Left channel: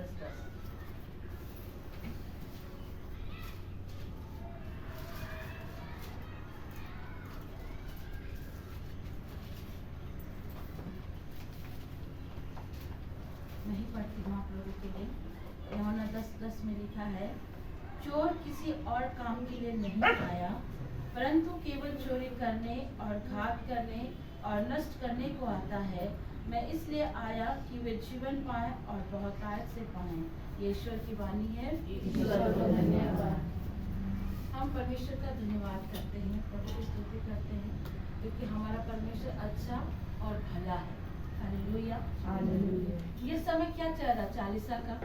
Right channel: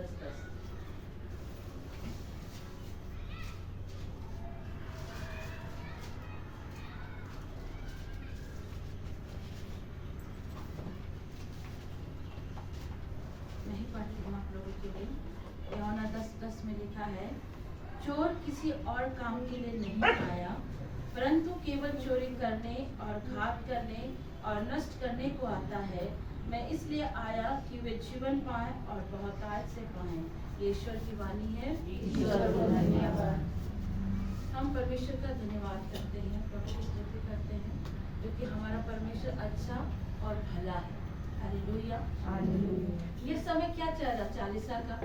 10:10। नहीं पढ़ती हूँ आप लोगों के लिए। यूहन्ना 10:10 में लिखा है, चोर किसी और काम के लिए नहीं आया, परंतु केवल चोरी करने और घात करने और नष्ट करने को आता है। मैं इसलिए आया कि वे जीवन पाएं और बहुतायत से पाएं। ये ईश्वर की वाणी है। ईश्वर को धन्यवाद। हम परमेश्वर का धन्यवाद करते हैं, प्रभु की स्तुति करते हैं, क्योंकि हमारा परमेश्वर अच्छा और भला है। हालेलुया। ये समय क्या चल रहा? चालीसा का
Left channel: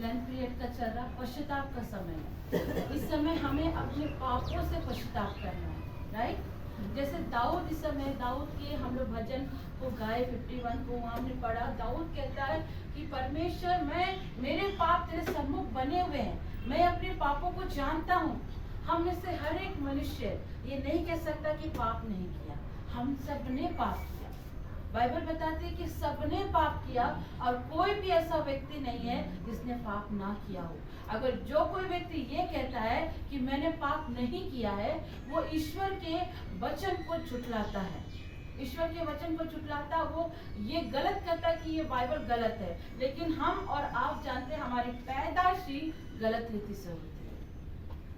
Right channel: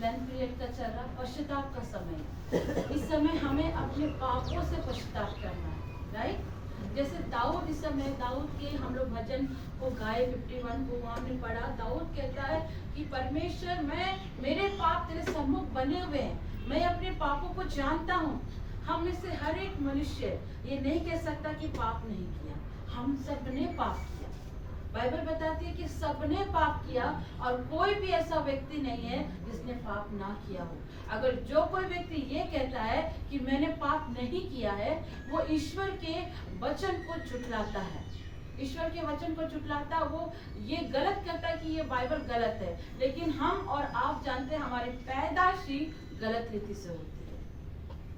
लेंथ पीरियड का चल रहा, पश्चाताप का समय है। इस समय हमें अपने पापों से पश्चाताप करना है, राइट? जैसे दाऊद, इस समय दाऊद के हम लोग भजन को गाए 51 को हमने पढ़ा। दाऊद कहता है कि परमेश्वर, मेरे पाप तेरे सम्मुख बने हुए हैं, मैं अपने पापों को जानता हूँ। हम में से हर एक मनुष्य ये नहीं कह सकता कि पाप नहीं किया, हम सबने पाप किया। बाइबल बताती है कि सबने पाप किया और कोई भी ऐसा व्यक्ति नहीं है जिसने पाप ना किया हो। अगर जो कोई व्यक्ति ये कहता है कि मैंने पाप नहीं किया है, वो ईश्वर के वचन को झुठलाता है। ईश्वर के वचन को झुठलाता, वो ये गलत करता है कि ये बाइबल गलत है। लेकिन हम और आप जानते हैं हमारी पैदाइश ही गलत रीति से होती है।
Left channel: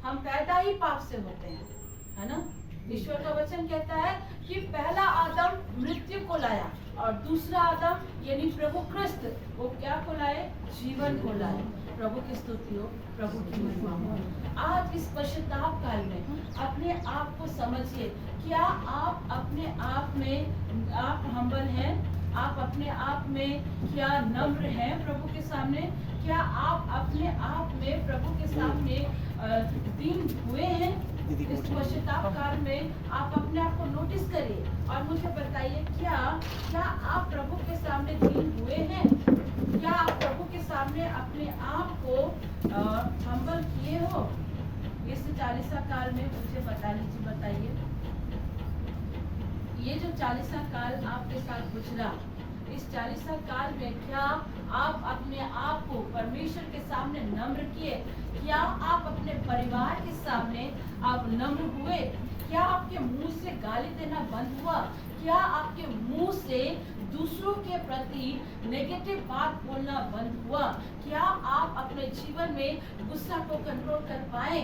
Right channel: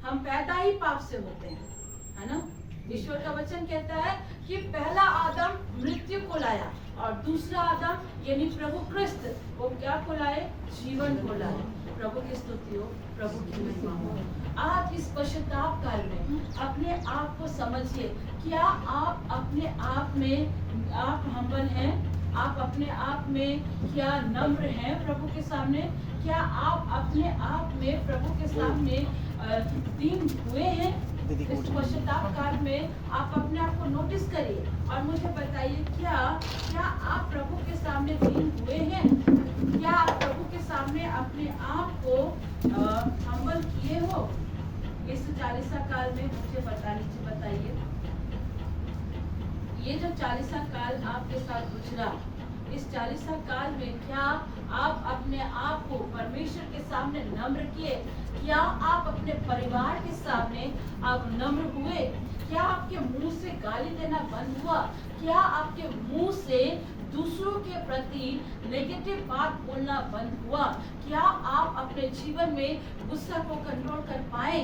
हम पैदा ही पाप से होते हैं, है ना? ईश्वर का वचन कहता है कि पहला आदम मृत्यु को लाया और दूसरा आदम यानी प्रभु क्रिस्त वो क्या को लाए? जीवन को लाए। प्रभु की स्तुति हो, प्रभु की महिमा हो। आप इस पश्चाताप काल में अपने आप को समझिए। क्या आप अपने आप में आप हम्बल हैं? आप अपने आप में क्या नम्र हैं प्रभु के सामने? क्या आप अपने आप में प्रभु के सामने दीन हुए हैं? इस पश्चाताप काल में आप अपने आप को नोटिस करिए और मुझे बताइए, क्या आप प्रभु के सामने दीन हुए हैं? क्या आप प्रभु के सामने अपने आप को हम्बल किए हो? इस चालीसा काल में मुझे बताइए। ये जो चालीसा काल आपके साथ गुजरा, इस चालीसा काल में क्या आप अपने आप को परमेश्वर के सामने नम्र किए? क्या आप अपने परिवार के सामने आप नम्र हुए? क्या आपके मुंह से गाली देना बंद हुआ? क्या आपके मुंह से दूसरों के प्रति नेगेटिव बात बोलना बंद हुआ? क्या आप अपने जीवन में गुस्सा को कंट्रोल कर पाए?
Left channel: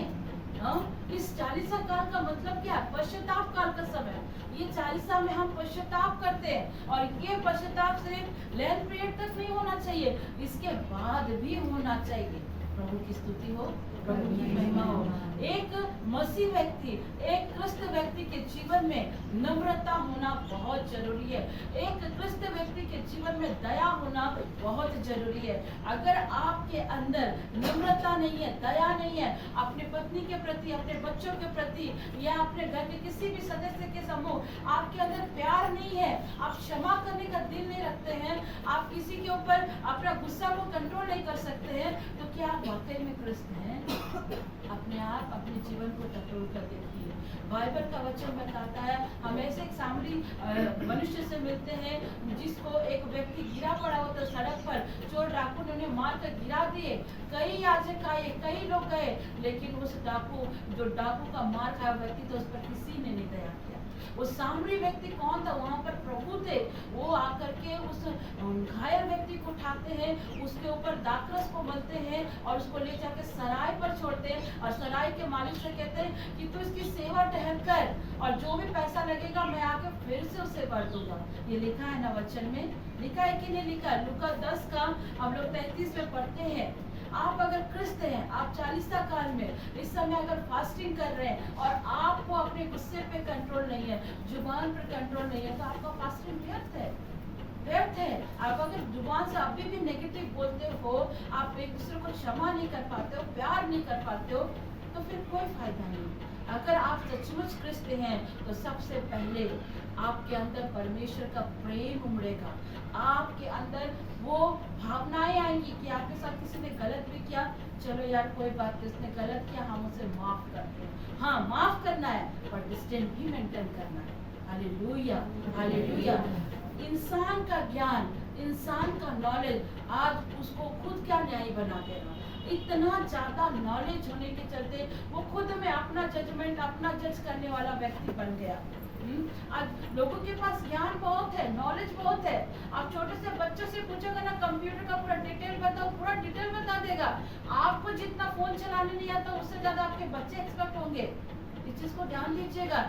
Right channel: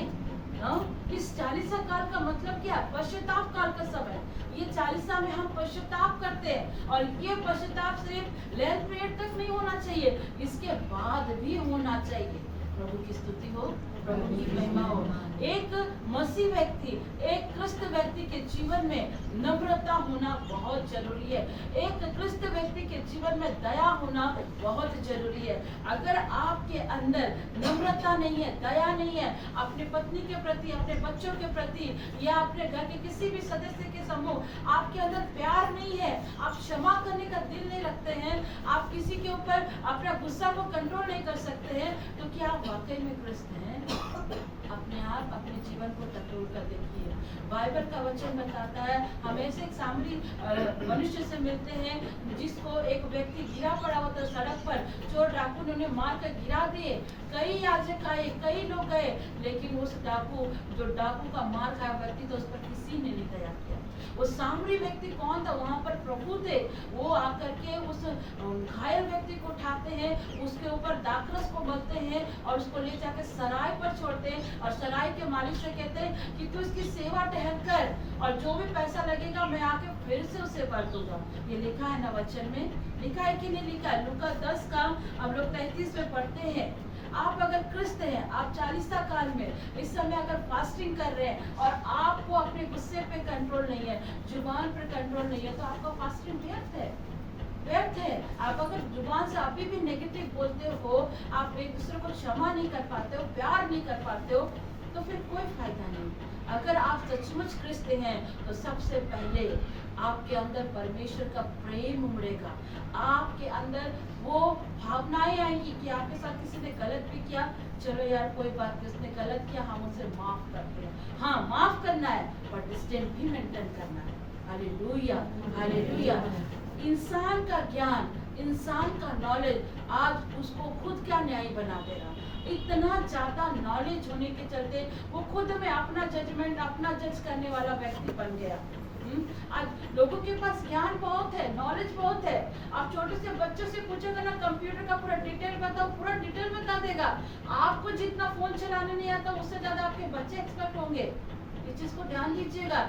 इस चालीसा काल का मतलब क्या है? पश्चाताप काल का समय। ये चालीसा में हम पश्चाताप करते हैं और ये पश्चाताप सिर्फ लेंथ पीरियड तक नहीं होना चाहिए, इसके बाद भी होना चाहिए। प्रभु की स्तुति हो, प्रभु की महिमा हो। एक मसीह व्यक्ति, एक क्रिस्त व्यक्ति के जीवन में नम्रता होना बहुत जरूरी है। एक क्रिस्त व्यक्ति के जीवन में दया होना बहुत जरूरी है। अगर आपके अंदर नम्रता नहीं है, दया नहीं है, अपने पत्नी के प्रति, अपने बच्चों के प्रति या अपने घर के किसी भी सदस्य के समूह आपके अंदर प्यार नहीं है, आप क्षमा करने का दिल नहीं रखते हैं, आप किसी के ऊपर अपना गुस्सा को कंट्रोल नहीं कर सकते हैं, तो क्या आप वाकई में क्रिस्त हैं? अपने आप अपने जीवन को टटोल कर देखिए। बाइबल का वचन बताता है, हम ऐसे एक सामरी मनुष्य से मिलते हैं जिसको एक व्यक्ति गिरा पड़ा होता सड़क पर, चोर डाकू ने उन्हें मार कर गिरा दिए। कई याजक आए, कई लोग गए, लेकिन उस डाकू का मार खाया व्यक्ति तो उस पर किसी ने नहीं दया किया। वो सामरी व्यक्ति कौन था? वहाँ पर प्रभु थे। वो आकर के उस घायल व्यक्ति को उठाते हैं, उसके ऊपर दाखरस को मलते हैं और उसको ले जाकर सराय पर छोड़ते हैं और सराय के मालिक से कहते हैं कि तू इसकी सेवा टहल कर और जो भी पैसा लगेगा मैं आके फिर से उसे भर दूंगा। ये लिखा है ना वचन में? लिखा है कि नहीं लिखा है? लूका 10 का हम लोग 33 में पढ़ते हैं। आप अगर क्रिस्त हैं, आप चालीसा काल में इस समय अगर फास्टिंग कर रहे हैं और आपको अपने गुस्से पे कंट्रोल नहीं है, जुबान पर कंट्रोल नहीं है, तो आपका फास्टिंग व्यर्थ है। आप अगर जुबान से अभी भी नेगेटिव बोलते हो, आप एक दूसरे को क्षमा नहीं कर पाते हो, प्यार नहीं कर पाते हो, तो फिर कोई फायदा नहीं। अगर आप सचमुच क्रिस्त हैं तो सबसे पहले आपके अंदर परमेश्वर का प्रेम उमड़ेगा। आपके अंदर वो भावनाएं आएंगी कि आपके साथ किसी ने गलत भी किया, चलो यार कोई बात नहीं, उसने गलत किया, हम उसे माफ करते हैं। हाँ, माफ करना है पर डिस्टेंस भी मेंटेन करना है। Hallelujah, hallelujah. इंसान का ज्ञान, इंसान का नॉलेज आज उसको खुद क्या न्याय बना दे रहा। इतना ज्यादा नॉलेज होने के चलते वो खुद में अपना जजमेंट, अपना जज करने वाला व्यक्ति बन गया। आज लोगों के पास ज्ञान बहुत है, नॉलेज बहुत है। आप छोटे से बच्चों से पूछोगे ना, कंप्यूटर का पूरा डिटेल बताओ, पूरा डिटेल बता देगा। आपको जितना फोन चलाने नहीं आता, उससे ज्यादा आपके बच्चे एक्सपर्ट होंगे। इस चीज को ध्यान दीजिएगा।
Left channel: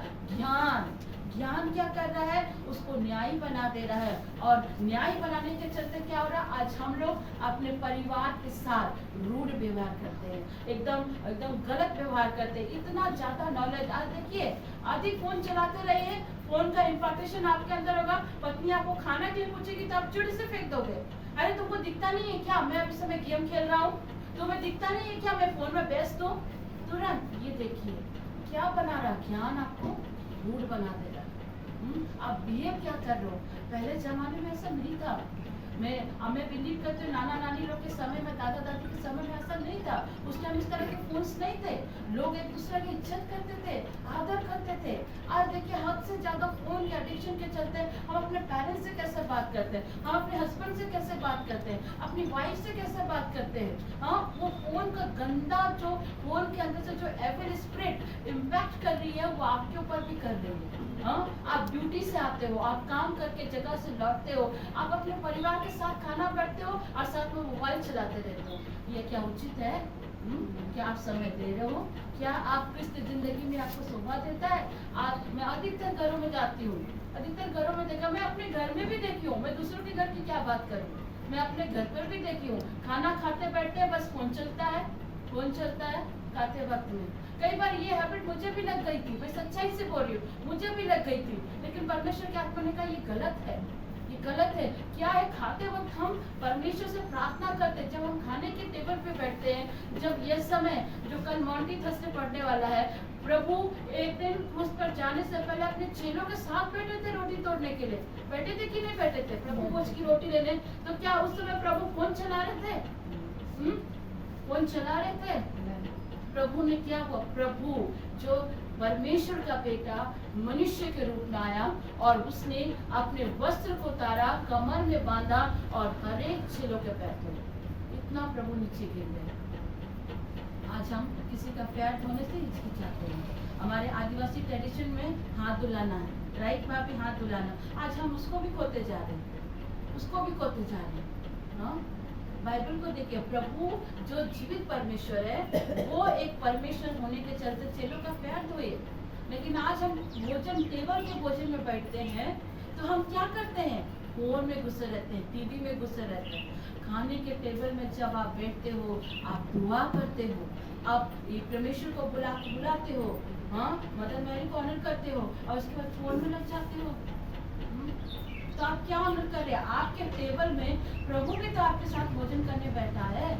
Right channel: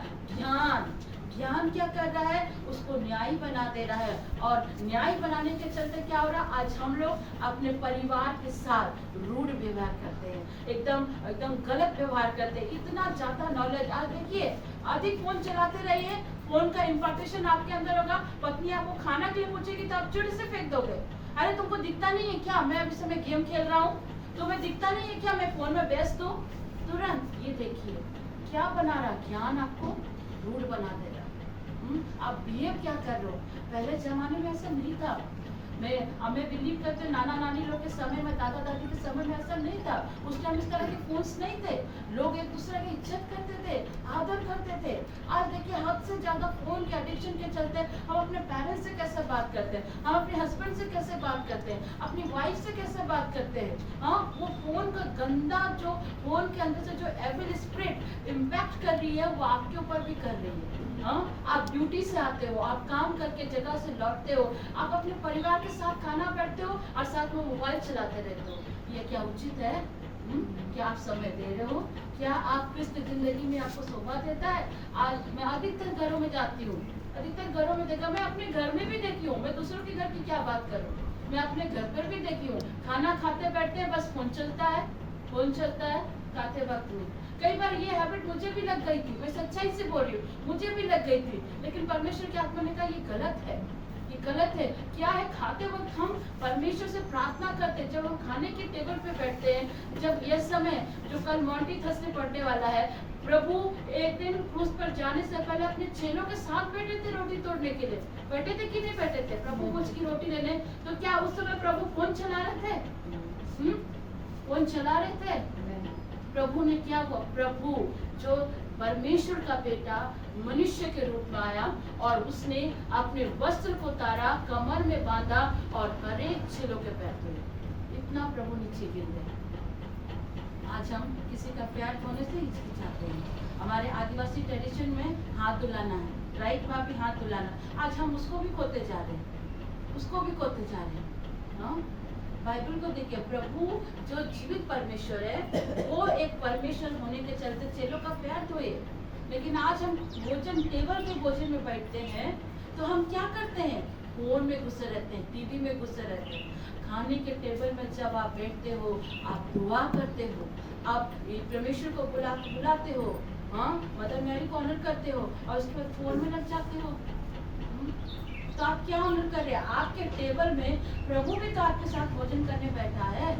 ज्ञान क्या कर रहा है, उसको न्यायी बना दे रहा है। और न्यायी बनाने के चलते क्या हो रहा है, आज हम लोग अपने परिवार के साथ रूढ़ व्यवहार करते हैं, एकदम गलत व्यवहार करते हैं। इतना ज्यादा नॉलेज, आज देखिए अधिक फोन चलाते रहिए, फोन का इम्पार्टेशन आपके अंदर होगा। पत्नी आपको खाना के लिए पूछेगी तो आप चिड़ से फेंक दोगे। अरे तुमको दिखता नहीं है क्या मैं अभी समय गेम खेल रहा हूँ? तुम्हें दिखता नहीं है क्या मैं फोन में व्यस्त हूँ? तुरंत ये देखिए क्या बना रहा, ज्ञान आपको रूढ़ बना दे रहा। आप बिहेव क्या कर रहे हो? पहले जमाने में ऐसा नहीं था। हमें बिलीव करते नाना नानी लोग के समय में, दादा दादी के समय में ऐसा नहीं था। उस टाइम इस तरह के फोन्स नहीं थे। लोग एक दूसरे की इज्जत करते थे, आदर करते थे। आज देखिए हद से ज्यादा फोन के एडिक्शन के चलते हम अपने पेरेंट्स से कैसे बात करते हैं, हम अपने हस्बैंड से कैसे बात करते हैं, अपनी वाइफ से कैसे बात करते हैं। हाँ, वो फोन का गंदा, जो फोन के अंदर से जो एविल स्पिरिट इम्पैक्ट कर रही है, वो आपके ऊपर भी कर रही है। हाँ, आप ड्यूटी से आते हो, आप काम करके जगह से लौटते हो, आप अपने परिवार के साथ खाना बैठते हो और साथ में मोबाइल चलाते रहते हो। ये क्या उचित है? क्या आप समय दे रहे हो? क्या आप क्रिस्त जिंदगी में आपको शोभा देता है? आज मैं अधिकतर घरों में जाती हूँ, अधिकतर घरों में देखा, मैं अपने घर में भी देखी हूँ। मैं दूसरों के घर की क्या बात करूँ, मैं अपने घर पर भी देखी हूँ। खाना खाते बैठते बस फोन चलता है, फोन चलता है खाते वक्त में। कई बार ये हैबिट मुझे भी लग गई थी, मैं सच्चाई से बोल रही हूँ, मुझे भी लग गई थी। लेकिन परमेश्वर के आत्मा ने कहा ये गलत है, ये गलत है। क्या है, खाते वक्त हम परमेश्वर से प्रार्थना करते, जब हम खाने के टेबल पे बैठते हैं, जब ये समय जो कल मॉन्टी थर्सडे पढ़ने वाला है, प्रभु एक दिन क्रूस पर जाने से पहले अपने चेलों के साथ बैठे थे रोटी तोड़ने के लिए। बैठे थे कि नहीं बैठे थे प्रभु भोज की रोटी लेने? तो क्या उस समय प्रभु फोन चला रहे थे? फोन चला रहे थे? प्रभु ने क्या हुआ, प्रभु जो परमेश्वर का बेटा मनुष्य के रूप में आया और उसने अपने वस्त्र को तारा, कमर में बांधा और हर एक चेलों के पैर धोए। इतना प्रभु नीचे गिर गए। आज हम किसी का पैर धोने से हिचकिचाते हैं। हमारे आदिवासी ट्रेडिशन में हाथ धुलाना है, राइट भाभी, हाथ धुलाना। आज हम उसको भी खोते जा रहे हैं, उसको भी खोते जा रहे हैं। हाँ, बाइबल को देखिए, प्रभु जो जीवित परमेश्वर है, वो एक परमेश्वर होने के चलते चेलों का पैर धोए। लेकिन आज हम भोजन टेबल पे भोजन में बैठते हैं तो हम क्या करते हैं, फोन में घुसे रहते हैं, टीवी में घुसे रहते हैं। खाने के टेबल में जब आप बैठते हो, आप दुआ करते हो, आप परमेश्वर को बुलाते हो, हाँ, मदर मैरी को ऑनर करते हो, और उसके बाद फोन में लग जाते हो। तो आप क्या ऑनर कर रहे हैं? आपके टेबल में प्रभु भी तो आपके साथ भोजन करने बैठा है,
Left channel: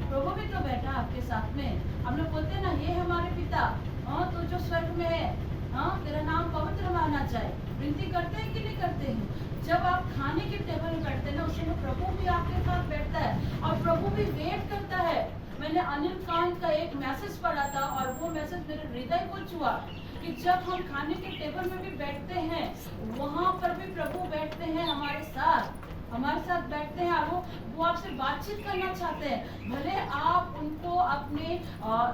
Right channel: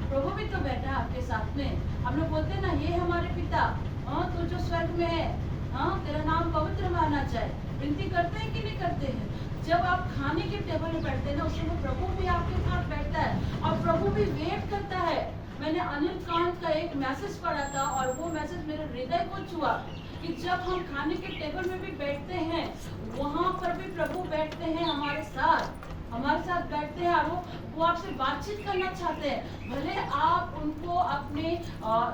प्रभु भी तो बैठा है आपके साथ में। हम लोग बोलते हैं ना, ये हमारे पिता, हाँ, तो जो स्वर्ग में है, हाँ, तेरा नाम पवित्र माना जाए। विनती करते हैं कि नहीं करते हैं? जब आप खाने के टेबल में बैठते हैं ना, उस समय प्रभु भी आपके साथ बैठता है और प्रभु भी वेट करता है। मैंने अनिल कांत का एक मैसेज पढ़ा था और वो मैसेज मेरे हृदय को छुआ कि जब हम खाने के टेबल में भी बैठते हैं, वहाँ पर भी प्रभु बैठते हैं हमारे साथ बैठते हैं, और वो आपसे बातचीत करना चाहते हैं। भले आप उनको अपने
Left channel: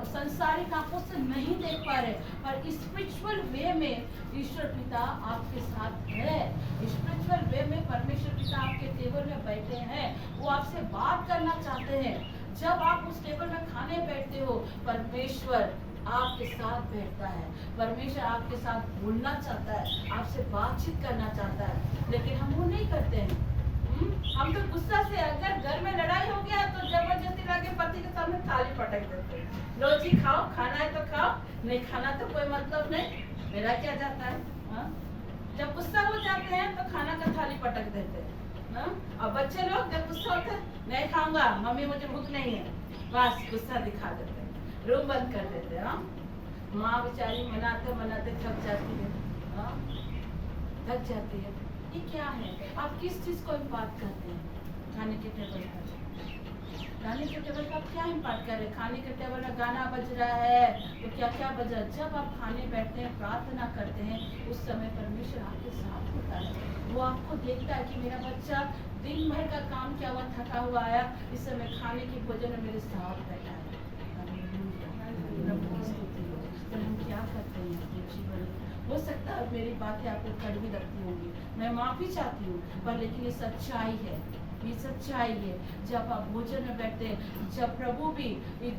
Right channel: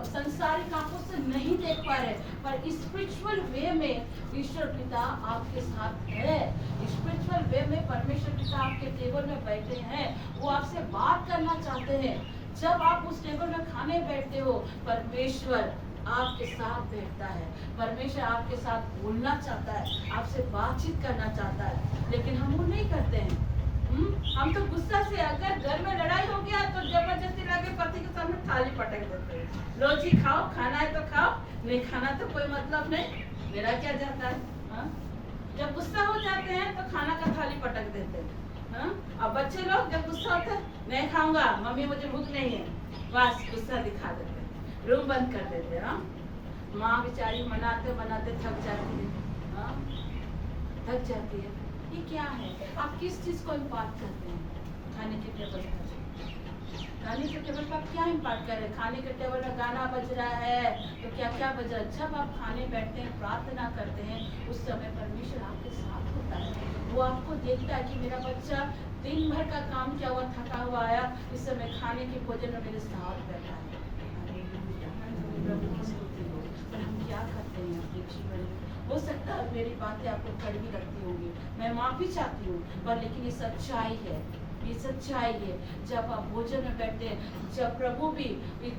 संसारिक आंखों से नहीं देख पा रहे, पर स्पिरिचुअल वे में ईश्वर पिता आपके साथ है। स्पिरिचुअल वे में परमेश्वर पिता आपके टेबल में बैठे हैं, वो आपसे बात करना चाहते हैं। जब आप उस टेबल में खाने बैठते हो, परमेश्वर आपके साथ बैठता है, परमेश्वर आपके साथ बोलना चाहता है, आपसे बातचीत करना चाहता है। लेकिन हम वो नहीं करते हैं। हम तो गुस्सा से, अगर घर में लड़ाई हो गया तो जबरदस्ती लाके पति के सामने थाली पटक देते हैं। लो जी खाओ, खाना है तो खाओ, नहीं खाना तो कोई मतलब नहीं, मेरा क्या जाता है। हाँ? जब गुस्सा हो जाते हैं तो खाना का थाली पटक देते हैं। हाँ? अब बच्चे लोग जब गुस्सा होते हैं, नहीं खाऊंगा मम्मी, मुझे भूख नहीं है, बस गुस्सा दिखा देते हैं, रूम बंद कर देते हैं। माँ बेचारी मनाते मनाते थक जाती है, थक जाती है। ये क्या है? आप किस चीज को इम्पार्ट करते हैं खाने के टेबल पर? खाने के टेबल पर आप क्या इम्पार्ट कर रहे हैं? खाने के टेबल में गाना बज रहा है तो क्या क्या बज रहा है? जब आप खाने बैठते हैं, प्रार्थना करते हैं, उस समय परमेश्वर आपके साथ होता है। वो आपको देखता है कि मेरा बच्चा दिन भर का काम किया हुआ, थका हुआ आया, इस समय खाने की भोजन में मेरे साथ बैठा है। हालेलुया, प्रभु की स्तुति हो। पर हम क्या करते हैं अपने जीवन में? हो सकता है मेरी बातें आपको कड़वी लगती होंगी, मैं माफी चाहती हूँ, पर लेकिन ये सच्चाई है, ये सच्चाई है। जब आप भोजन में बैठते हैं, जब प्रभु भी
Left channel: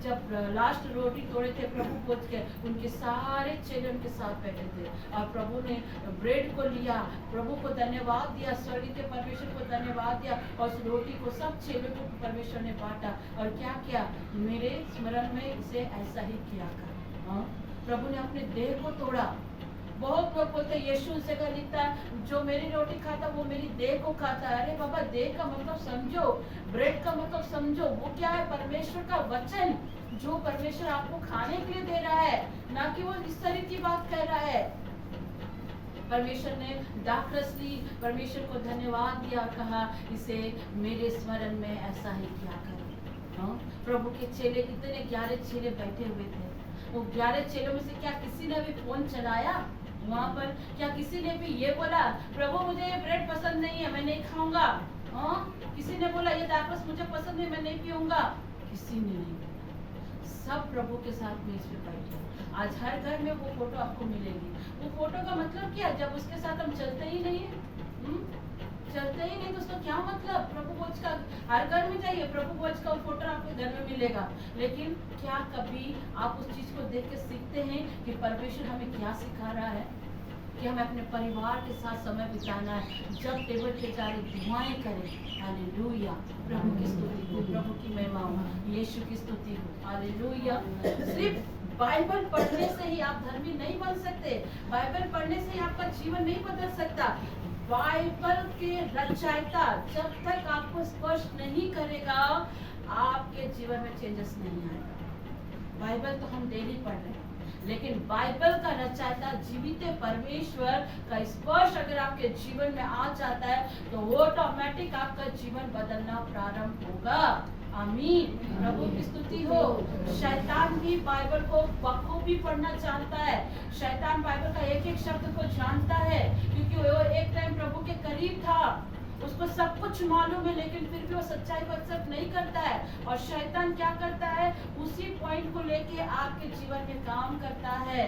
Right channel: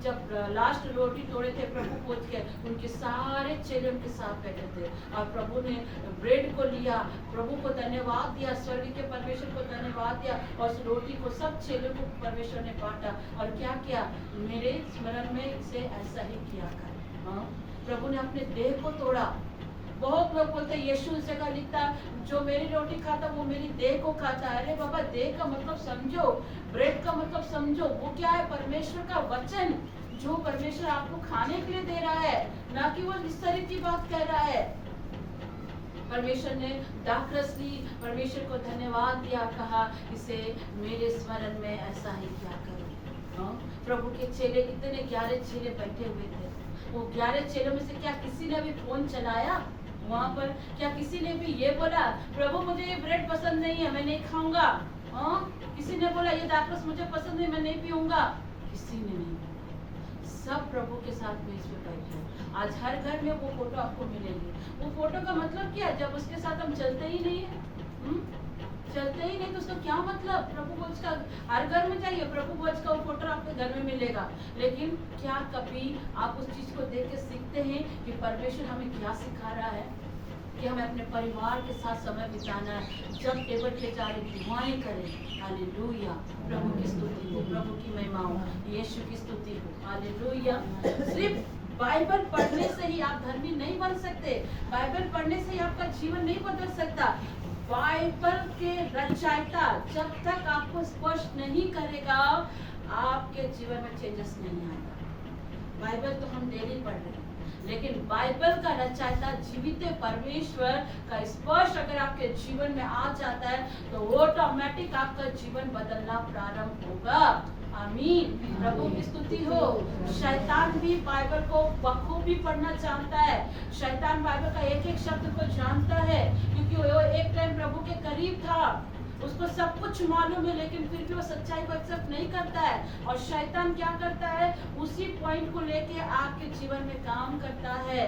जब लास्ट रोटी तोड़े थे प्रभु पहुंच के, उनके सारे चेले उनके साथ बैठे थे और प्रभु ने ब्रेड को लिया, प्रभु को धन्यवाद दिया, स्वर्ग के परमेश्वर को धन्यवाद दिया और उस रोटी को सब चेलों को परमेश्वर ने बांटा और क्या किया? मेरे स्मरण में इसे ऐसा ही किया कर। हाँ, प्रभु ने अपने देह को तोड़ा। बहुत लोग बोलते हैं यीशु उस जगह लिखता है जो मेरी रोटी खाता वो मेरी देह को खाता है। अरे बाबा, देह का मतलब समझो, ब्रेड का मतलब समझो, वो क्या है? परमेश्वर का वचन, जो परमेश्वर आपको खाने के लिए दे रहा है, ना कि वो इस तरह की बात कह रहा है। परमेश्वर ने दाखरस ली, परमेश्वर को धन्यवाद दिया, कहा इसे मेरे स्मरण में ऐसा ही किया करो। हाँ, प्रभु के चेले, इतने 11 चेले बैठे हुए थे, वो 11 चेलों में से क्या किसी ने भी फोन चलाया वहां पर? क्या किसी ने भी ये बोला प्रभु मुझे ये ब्रेड पसंद नहीं है, मैं नहीं खाऊंगा? हाँ, किसी ने बोला ये दाखरस मुझे पसंद नहीं, मैं नहीं पीऊंगा? किसी ने नहीं बोला। सब प्रभु के साथ मेज पे बैठे। आज हर घर में वो फोटो आपको मिलेगी। वो फोटो का मतलब क्या है? जब उसके साथ हम चलते ही नहीं है, चलते ही नहीं तो उसका क्या मतलब? प्रभु भोज का हर घर में जाइए, प्रभु भोज का वो फोटो आपके घर में मिलेगा, लेकिन क्या कभी आप उस चीज को देख के सीखते हैं कि परमेश्वर हमें क्या सिखा रहा है? कि हमें अपने परिवार के साथ समय बिताना है, जब टेबल पे जा रहे दुआएं करें। हालेलुया, प्रभु की स्तुति हो, प्रभु की महिमा हो, यीशु की स्तुति हो। हालेलुया। सिर्फ बाइबल पढ़ने से ही आप धर्मी नहीं बन सकते, बाइबल पढ़ने से ही आपका जीवन नहीं बदल सकता। बाइबल के रचयिता जब तक आपको स्पष्ट नहीं करेगा, आपके जीवन में चेंजेस नहीं आएगा। बाइबल तो हम डेली पढ़ रहे हैं, लेकिन बाइबल का रचयिता जीवित परमेश्वर का स्पर्श अगर आपके जीवन में आ जाता है तो ऑटोमेटिक आपका जीवन बदलना प्रारंभ होगा। आमीन, प्रभु की स्तुति हो। शैतान भी बाइबल को बखूबी पढ़ना जानता है। शैतान बाइबल का एक एक शब्द को जानता है, क्योंकि वो एक टाइम प्रभु के करीब था, उसको सब कुछ मालूम है, लेकिन फिर भी वो सच्चाई को एक्सेप्ट नहीं करता है। और शैतान क्या करता है? उसी पॉइंट को लेके आपके जीवन में काम करता है।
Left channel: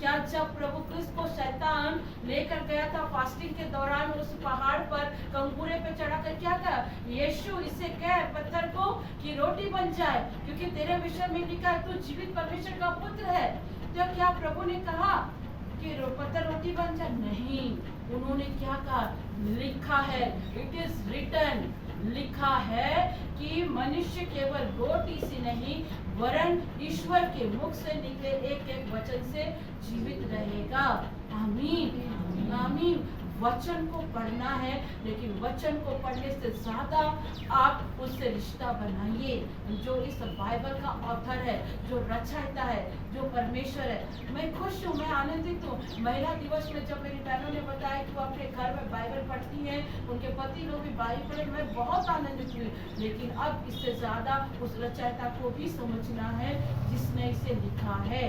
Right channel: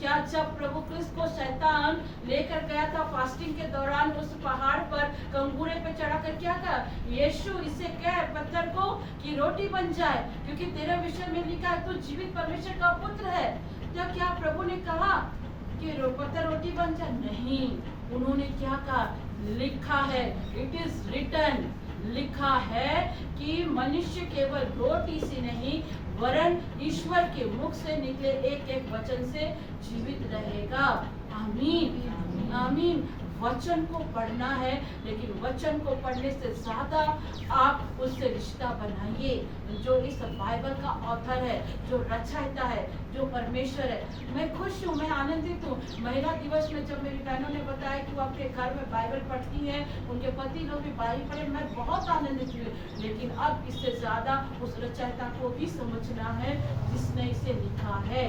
क्या जब प्रभु क्रिस्त को शैतान लेकर गया था फास्टिंग के दौरान उस पहाड़ पर कंगूरे पे चढ़ाकर, क्या कहा? यीशु इससे कह पत्थर को कि रोटी बन जाए, क्योंकि तेरे विषय में लिखा है तू जीवित परमेश्वर का पुत्र है। तो क्या प्रभु ने कहा कि पत्थर रोटी बन जाए? नहीं, उन्होंने क्या कहा? लिखा है, इट इज रिटन, लिखा है कि मनुष्य केवल रोटी से नहीं वरन ईश्वर के मुख से निकले एक एक वचन से जीवित रहेगा। आमीन, आमीन। वचन को पढ़ना है, लेकिन वचन को पढ़ने से ज्यादा आप उससे रिश्ता बनाइए। जो इस बाइबल का ऑथर है, जो रचयिता है, जो परमेश्वर है। मैं खुश हूँ, मैं आनंदित हूँ। महिला दिवस में जब मेरी बहनों ने बताया कि वो अपने घर में बाइबल पढ़ती हैं, उनके पति लोग भी बाइबल पढ़े, मैं बहुत आनंदित हुई। लेकिन अब इससे ज्यादा उस रचयिता को भी समझना है जिसने इसे लिखा है।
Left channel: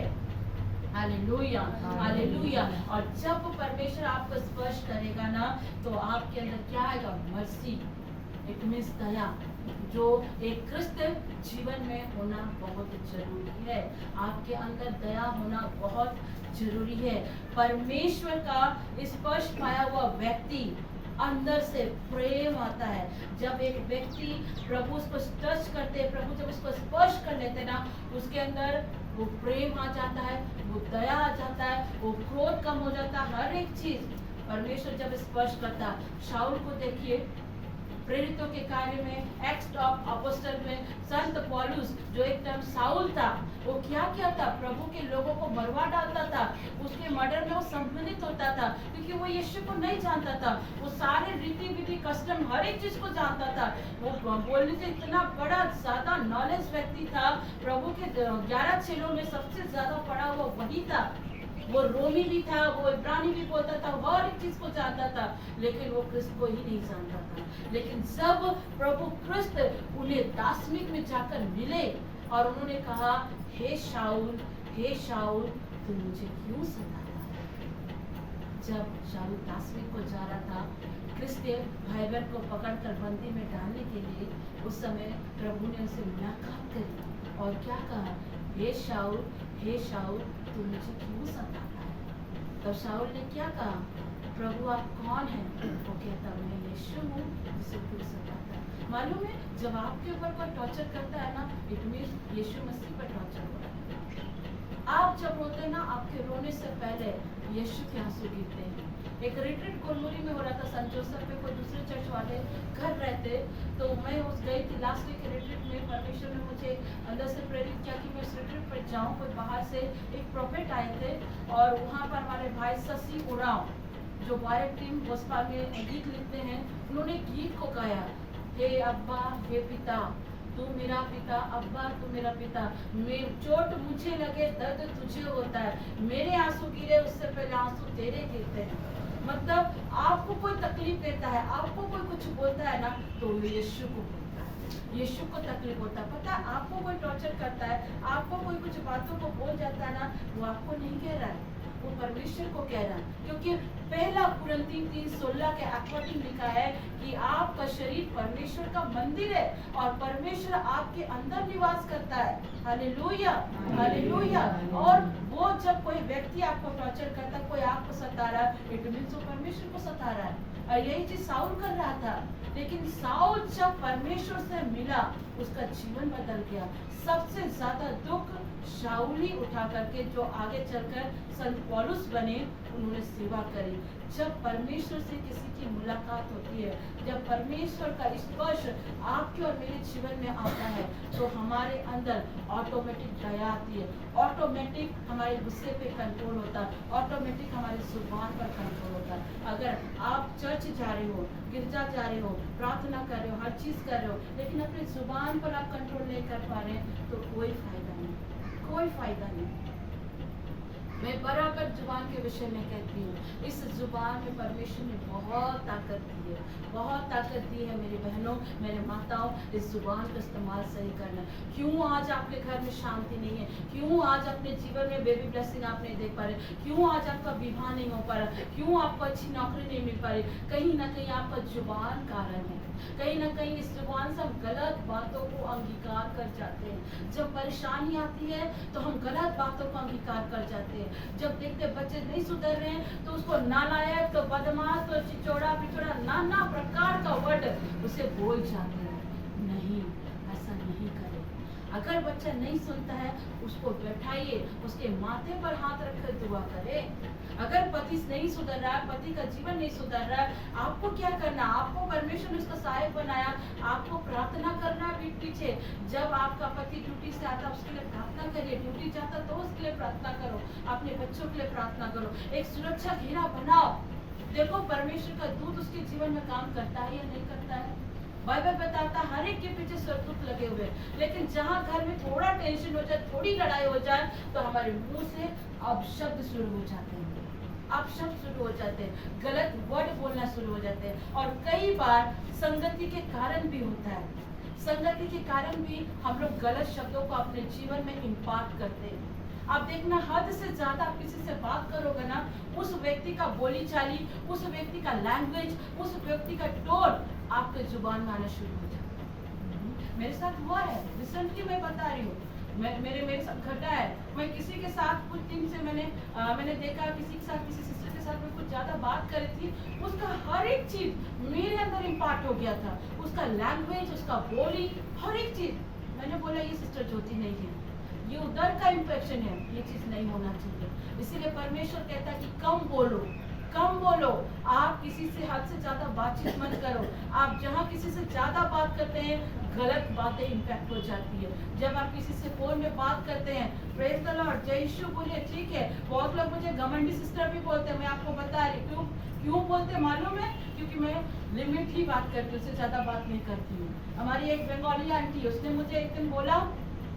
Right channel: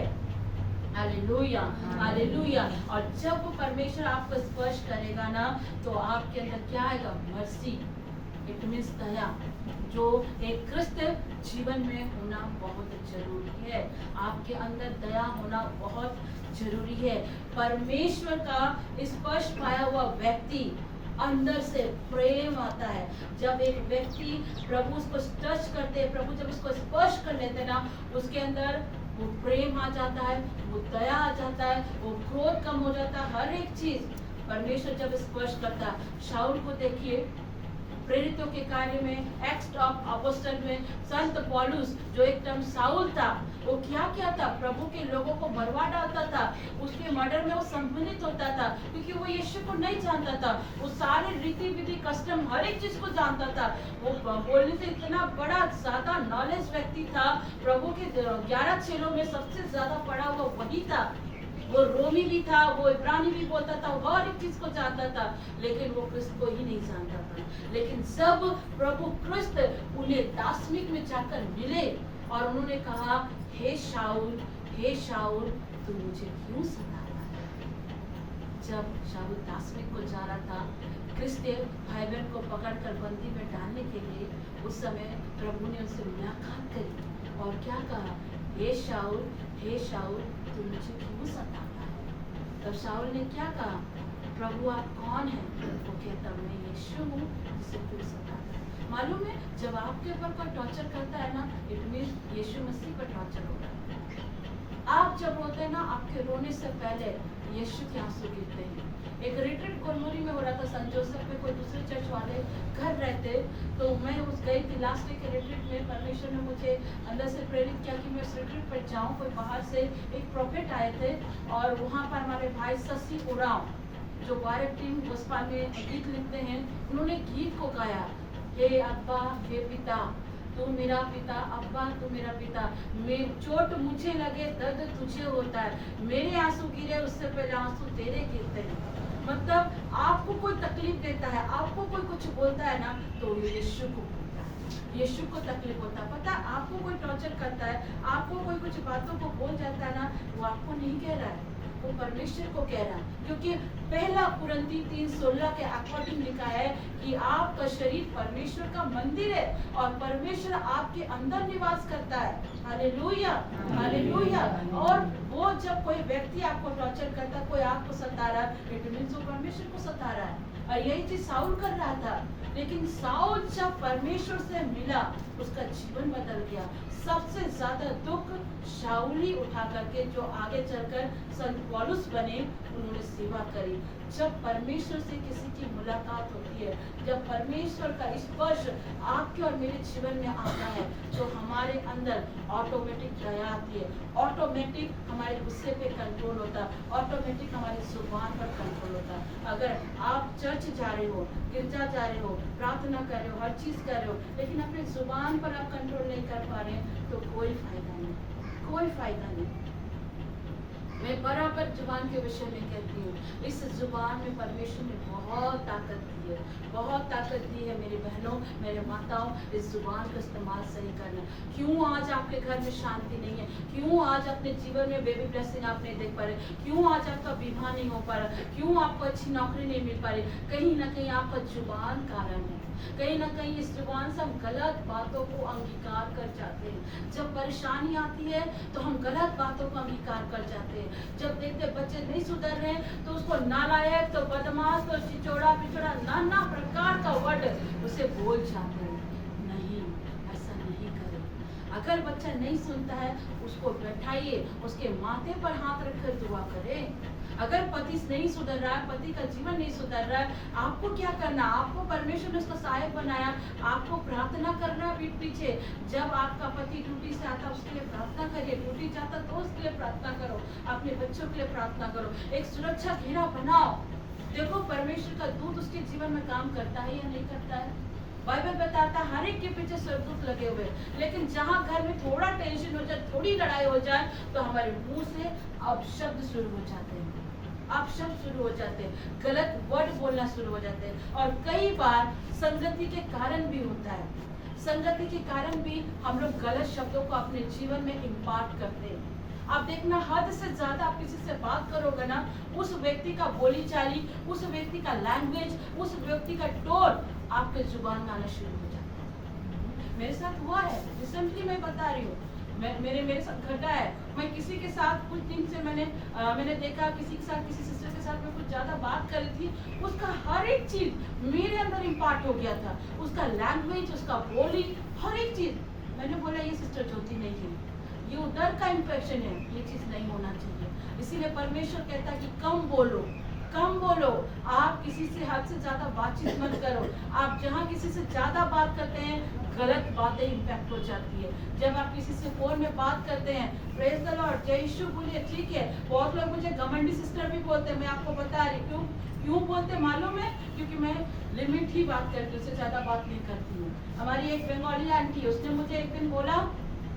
Hallelujah, hallelujah. और जब परमेश्वर आपको स्पर्श करेगा ना, तो आपके अंदर क्या आएगा? मर्सी, इट मींस दया, जो एक क्रिस्तीय जीवन में होना बहुत जरूरी है। आपके अंदर दया होना बहुत जरूरी है। परमेश्वर का स्पर्श पाया हुआ व्यक्ति अंदर से प्रेम आता है। जब एक व्यक्ति प्रभु उसको टच करते हैं, प्रभु जब उसको स्पर्श कर लेते ना, उसके अंदर वो प्रेम आ जाता है, वो दया आ जाता है, वो क्रोध कम हो जाता है, हर एक चीज परमेश्वर जब स्पर्श करता। शाऊल को देखिए, प्रेरितों के कार्य में एक्ट ऑफ अपोस्टल में संत पौलुस, जो एक टाइम साउल था, वो क्या किया था? प्रभु के लोगों को मरवा डालता था, उसके मर्डर में वो सम्मिलित होता था, क्योंकि वो यीशु को नहीं जानता था। वो सारे रीति विधि कस्टम हर एक चीज को जानता था। वो बोलने से इतना बड़ा ज्यादा नॉलेज व्यक्ति था। प्रभु के 11 चेलों में सबसे ज्यादा पढ़ा हुआ वही था। वो रोमी भी था, वो इब्रानी भी बोलता था, वो हर एक चीज को जानता था, लेकिन वो क्रिस्त को ही नहीं जानता था। लेकिन जब प्रभु क्रिस्त उन्हें दासमिक में जाकर मिले और उन्होंने कहा, हे शाऊल, तू मुझे क्यों सताता है? जब शाऊल दासमिक को जा रहा था, क्रिस्तीय भाई बहन को पकड़कर बंदी में डालने के लिए उस समय प्रभु ने उनसे मुलाकात करी और क्या कहा, हे शाऊल तू मुझे क्यों सताता है। तब शाऊल ने क्या कहा, प्रभु आप कौन हैं। वो कहता मैं यीशु हूँ जिसे तू सताता है। मालूम है जब आपके ऊपर कोई टॉर्चर करता है ना, इट मीन यीशु मसीह पर टॉर्चर हो रहा है। आप जब रोते हैं ना, आपके रोने से पहले यीशु के आंसू गिरते हैं। एक रिट्रीट गोलमुरी में हो रहा था, सन जोसेफ में कोई दूसरे चर्च वाले घर रहते, तो मैं उस गई थी लास्ट डे के रिट्रीट में। परमेश्वर ने मुझे अंदर से प्रेरित किया कि मैं उस रिट्रीट पर जाऊं। कोई बाहर से एक प्रोफेट आए थे और वहाँ पर हमारे भाई शशि उराव जो बायर टीम गोस्पा में गीत लिखते हैं, उन्होंने गीत को गाया, हे अब्बा हे पिता तू मेरा पिता, अब्बा तू मेरा पिता, चोट मुझे लगे दर्द तुझे होता है, मेरे आंसू गिरे उससे पहले आंसू तेरे गिरते हैं। मतलब आपको कोई तकलीफ देता है, आपको कोई कुछ बोलता है ना, तो यीशु को बोलता है, यीशु को तकलीफ होता है। पता है आपको कोई टॉर्चर करता है, आपको कोई कुछ बातों को बोल जाता है ना, वो आपको नहीं कह रहा है, वो परमेश्वर को कह रहा है। क्योंकि पहला कुरिन्थी 3:16 के अकॉर्डिंग लिखा है कि आपका शरीर परमेश्वर का मंदिर है और परमेश्वर आपके अंदर निवास करता है। Hallelujah hallelujah. और वो जब कोई व्यक्ति आपको टॉर्चर करता है, कोई आपको सता रहा है, इट मींस वो परमेश्वर को सता रहा है। और यही चीज साउल कर रहा था, लेकिन साउल जब परमेश्वर से मिला उसका जीवन बदल गया। सबसे ज्यादा दुख शाऊल ही उठा करके जो आगे चलकर संत पौलुस बने, उन्होंने सेवा करी। जब परमेश्वर से किसी की मुलाकात होती है, जब परमेश्वर का स्पर्श आपके और मेरे जीवन में आता है, तो हमारे अंदर ऑटोमेटिक दया आती है, ऑटोमेटिक हमारे गुस्से पे कंट्रोल होता है, ऑटोमेटिक हमारी जुबान पर कंट्रोल होता है। अगर आप चर्च जा रहे हो, गिरजा जा रहे हो, प्रार्थना कर रहे हो, हर चीज कर रहे हो, लेकिन अपनी जुबान पर आप कंट्रोल नहीं कर पा रहे, तो कोई फायदा नहीं, कोई फायदा नहीं। मैं बराबर जुबान के विषय में कहती हूँ, इस जुबान में परमेश्वर ने बहुत ताकत दी है, बहुत ताकत दी है मेरी बहनों, मेरे माताओं। इस जुबान का इस्तेमाल सही करना। क्यों आज आपके घर में शांति नहीं है, क्यों आज अपने जीवन में बेबी ब्लेसिंग आप नहीं देख पा रहे, क्यों आज आपका विवाह नहीं हो पा रहा, क्यों आपको अच्छी नौकरी नहीं मिल पा रही, कहीं ना कहीं आपका जुबान कारण है। कहीं ना कहीं इस जुबान से हम गलत बातों को अंगीकार कर जाते हैं। जब परेशानी आती है तो हम गलत बातों को अंगीकार कर जाते हैं। जब देखते बच्चे नहीं सुधर रहे हैं तो उसको नालायक, तो बदमाश, तो चिचोड़ा पिचोड़ा, नाना प्रकार का वर्ड उसे बोल जाते हैं। नहीं, ऐसा नहीं करें। अगर बच्चा नहीं सुनता है, उसको बैठाइए, उसके माथे पर हाथ रखकर दुआ करें। अगर पति नहीं सुधर रहा है, पति का जीवन नहीं सुधर रहा है, आपको क्या करना, आपको परमेश्वर ने उसको सहायक बनाया, आपको प्रार्थना करना पीठ पीछे। जब आपका पति ड्यूटी से आता उसके लिए प्रार्थना करिए, ड्यूटी जाता तो उसके लिए प्रार्थना करो, अपने बच्चों के लिए प्रार्थना करो, एक सुरक्षा घेरा बनाओ। देखो परमेश्वर का दूत उसके जीवन में काम करता है या नहीं करता है। बाइबल बताता है हर एक के पीछे स्वर्गदूत लगे हुए, लेकिन जहाँ घर में थोड़ा टेंशन हो जाए, थोड़ी लड़ाई हो जाए, तो हमारे मुंह से अब शब्द शुरू हो जाते हैं, अब शब्द शुरू हो जाते हैं, गलत वर्ड बोलना शुरू हो जाते हैं। और कई बार संगति के कारण भी होता है, संगति के कारण भी हम लोग गलत शब्दों को अपने जीवन में इम्पार्ट करते हैं। आप देखना, हद से ज्यादा आप किसी से बात करोगे ना, उस व्यक्ति का बोली चाली, उस व्यक्ति का लैंग्वेज, उस व्यक्ति का टोन आपके जुबान में आना शुरू हो जाता है। मेरे साथ हुआ है, रिसेंटली मैं बता रही हूँ, मेरे साथ घटा है। मैं किसी के साथ कुछ दिन से मैंने देखा, किसी के साथ, किसी सिस्टर के साथ मैं कुछ ज्यादा बात कर रही थी, उसका हर एक चीज मेरे अंदर इम्पार्ट हो गया था, उसका लैंग्वेज, उसका बोली, हर एक चीज। मैंने बोला ये सिस्टर ज्योति नहीं है, ये उधर का इन्फेक्शन है, ये चीज नहीं होना चाहिए। इसीलिए परमेश्वर कहता है कि कम बोलो, कम बोलो। आप किसी से हद से ज्यादा बातचीत मत करो। आप जहाँ किसी से ज्यादा बात करते हैं, गलत बातें इम्पैक्ट हो जाती है। जब आप किसी से फोन में बात करते हैं, प्रेज द लॉर्ड, जय यीशु बोलिए, ठीक है। बहुत लोग मुझे घमंडी सिस्टर भी बोलते हैं, मैं आपको बता रही हूँ क्यों बोलते मालूम है, क्योंकि मैं लिमिट ही बात करती हूँ, उससे ज्यादा बात नहीं करती हूँ। हमारी एक बंगाली आंटी, उसने मुझे एक दिन बोला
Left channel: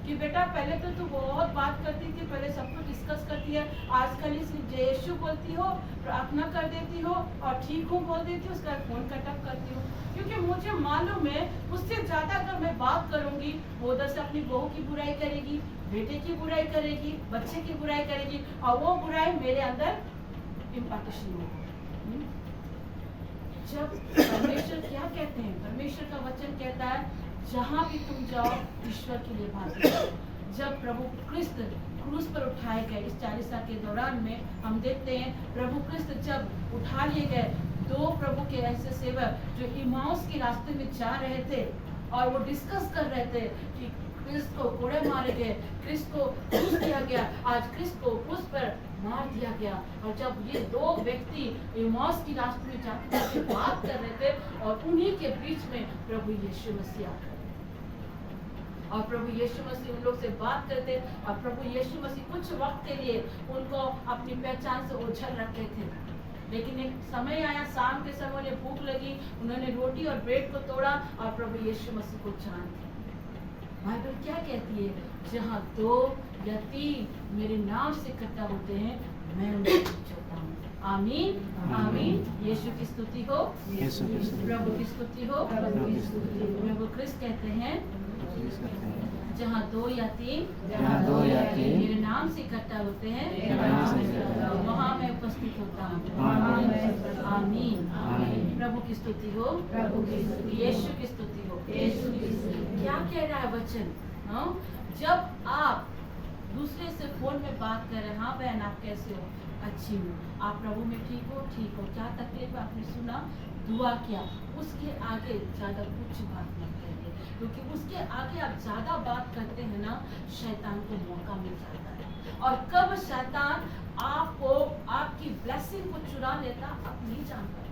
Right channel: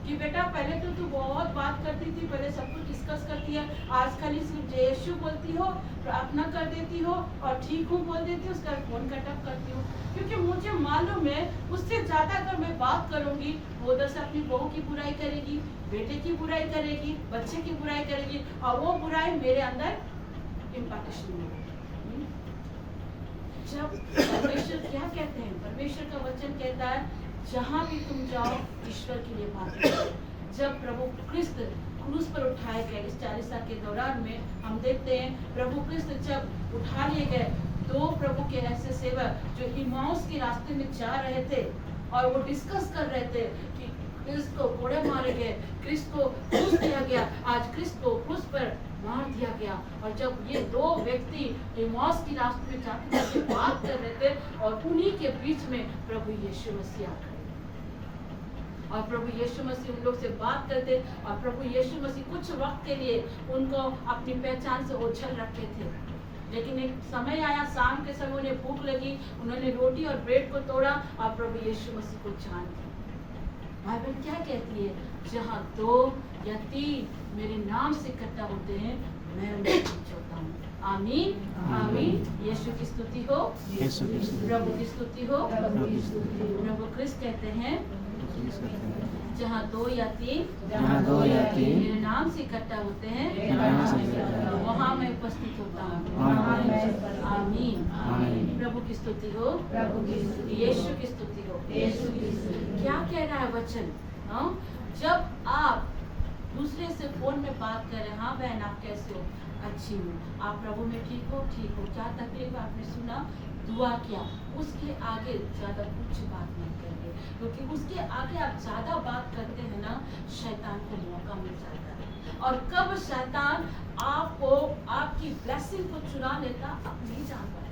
कि बेटा पहले तो तू बहुत बात करती थी, पहले सब कुछ डिस्कस करती है, आज खाली सिर्फ जय यीशु बोलती हो, प्रार्थना कर देती हो और ठीक हूँ बोल देती हो, उसका फोन कट ऑफ करती हो। क्योंकि मुझे मालूम है उससे ज्यादा अगर मैं बात करूंगी, वो उधर से अपनी बहू की बुराई करेगी, बेटे की बुराई करेगी, बच्चे की बुराई करेगी, और वो बुराई मेरे अंदर इम्पार्टेशन होगी। जब परमेश्वर क्या कहते हैं, परमेश्वर का वचन कहता है जहाँ भी तुम जाओ ईश्वर के लिए बात करो। जब प्रभु क्रिस्त क्रूस पर उठाए गए, इस 40 साल के दौरान में हम देखते हैं प्रभु क्रिस्त जब उठा लिए गए, दो प्रभु के ऐसे सेवक जो इमाउस के रास्ते में जा रहे थे और वो डिस्कस कर रहे थे कि क्रिस्त को कोड़े मारे गए, क्रिस्त को क्रूस किया गया, आज क्रिस्त को क्रूस पर मार दिया गया। और जब ये दो व्यक्ति इमाउस की रास्ते में जाते बात कर रहे थे और उन्हीं के बीच में प्रभु यीशु मसीह आ गए और प्रभु यीशु मसीह उन लोग से बात करते और प्रभु यीशु मसीह कुछ वक्त के लिए उनको अपनी पहचान से ओझल रखते थे। लेकिन एक समय आया, शाम के समय उन्हें भूख लगी, उन्होंने रोटी और ब्रेड को तोड़ा और प्रभु यीशु मसीह को जान लिया। बाइबल क्या कहती है, जहाँ 2 या 3 मेरे नाम से इकट्ठा होते हैं मैं उनके बीच होता हूँ। आमीन आमीन। यीशु की स्तुति हो, प्रभु की स्तुति हो। प्रभु क्रिस्त कहते हैं जहाँ 2 या 3 मेरे नाम से इकट्ठा होते हैं वहाँ मैं उपस्थित होता हूँ। आमीन। प्रभु की स्तुति हो, यीशु की स्तुति हो। क्या कह रहा है वचन? हाँ, जब आप दूसरे से फोन में बात कर रहे हैं, हाँ बहन आप कैसे हो? अच्छी हूँ। आप प्रभु में ठीक हो? ठीक हो। क्या तकलीफ आपने सुना, दुआ किया, उसके आगे ज्यादा कुछ बात मत करिए, क्योंकि उसके आगे आप ज्यादा बात करते हैं ना, शैतान को मौका मिल जाता है। और कब शैतान आपको आपकी ब्लेसिंग को चुरा लेता आप नहीं जान पाते,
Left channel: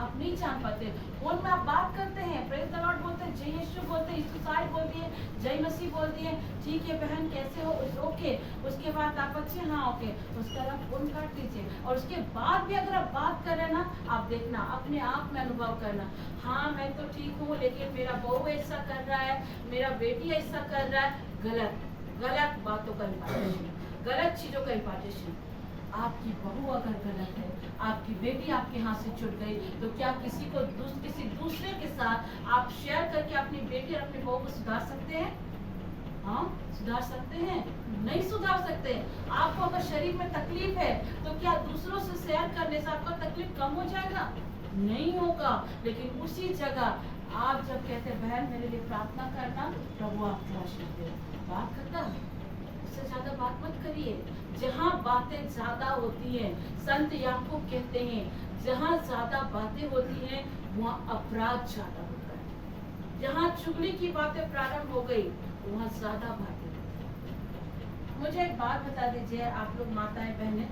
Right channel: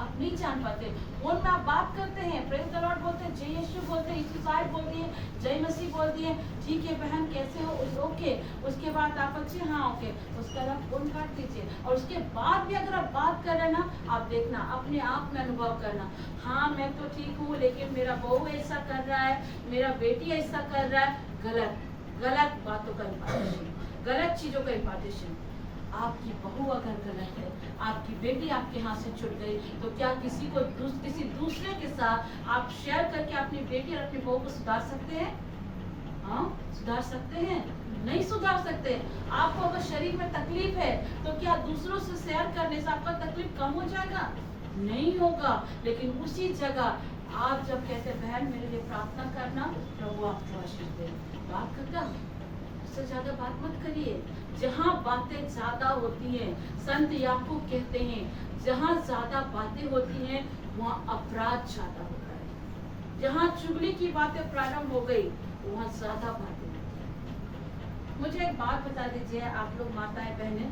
आप नहीं जान पाते। फोन में आप बात करते हैं, प्रेज द लॉर्ड बोलते हैं, जय यीशु बोलते हैं, यीशु साइड बोल दिए, जय मसीह बोल दिए, ठीक है बहन कैसे हो, ओके। उसके बाद आप अच्छे, हाँ ओके, उसके बाद आप फोन काट दीजिए। और उसके बाद भी अगर आप बात कर रहे हैं ना, आप देखना अपने आप में अनुभव करना, हाँ मैं तो ठीक हूँ लेकिन मेरा बहू ऐसा कर रहा है, मेरा बेटी ऐसा कर रहा है। गलत बातों का इम्पार्टेशन, गलत चीजों का इम्पार्टेशन। आपकी बहू अगर गलत है, आपकी बेटी आपके हाथ से छूट गई, तो क्या किसी दूसरे के साथ आप शेयर करके अपनी बेटी और अपनी बहू को सुधार सकते हैं? हाँ, सुधार सकते हैं? नहीं सुधार सकते। आपको अगर शरीर में तकलीफ है तो क्या दूसरों से शेयर करने से आपका तकलीफ कम हो जाएगा? नहीं होगा। लेकिन उसी जगह आप जब कहते बहन मेरे लिए प्रार्थना करना, प्रभु आपको आशीष दे, बात खत्म। उससे ज्यादा बात मत करिए। जहाँ बातें ज्यादा होती हैं, संत याकूब कहते हैं जहाँ ज्यादा बातें होती हैं वहाँ अपराध ज्यादा होता है। जहाँ चुगली की बातें प्रारंभ हो गई वहाँ ज्यादा बातें होती हैं। मुझे एक बात बता दीजिए आप लोग माताएं बहनें,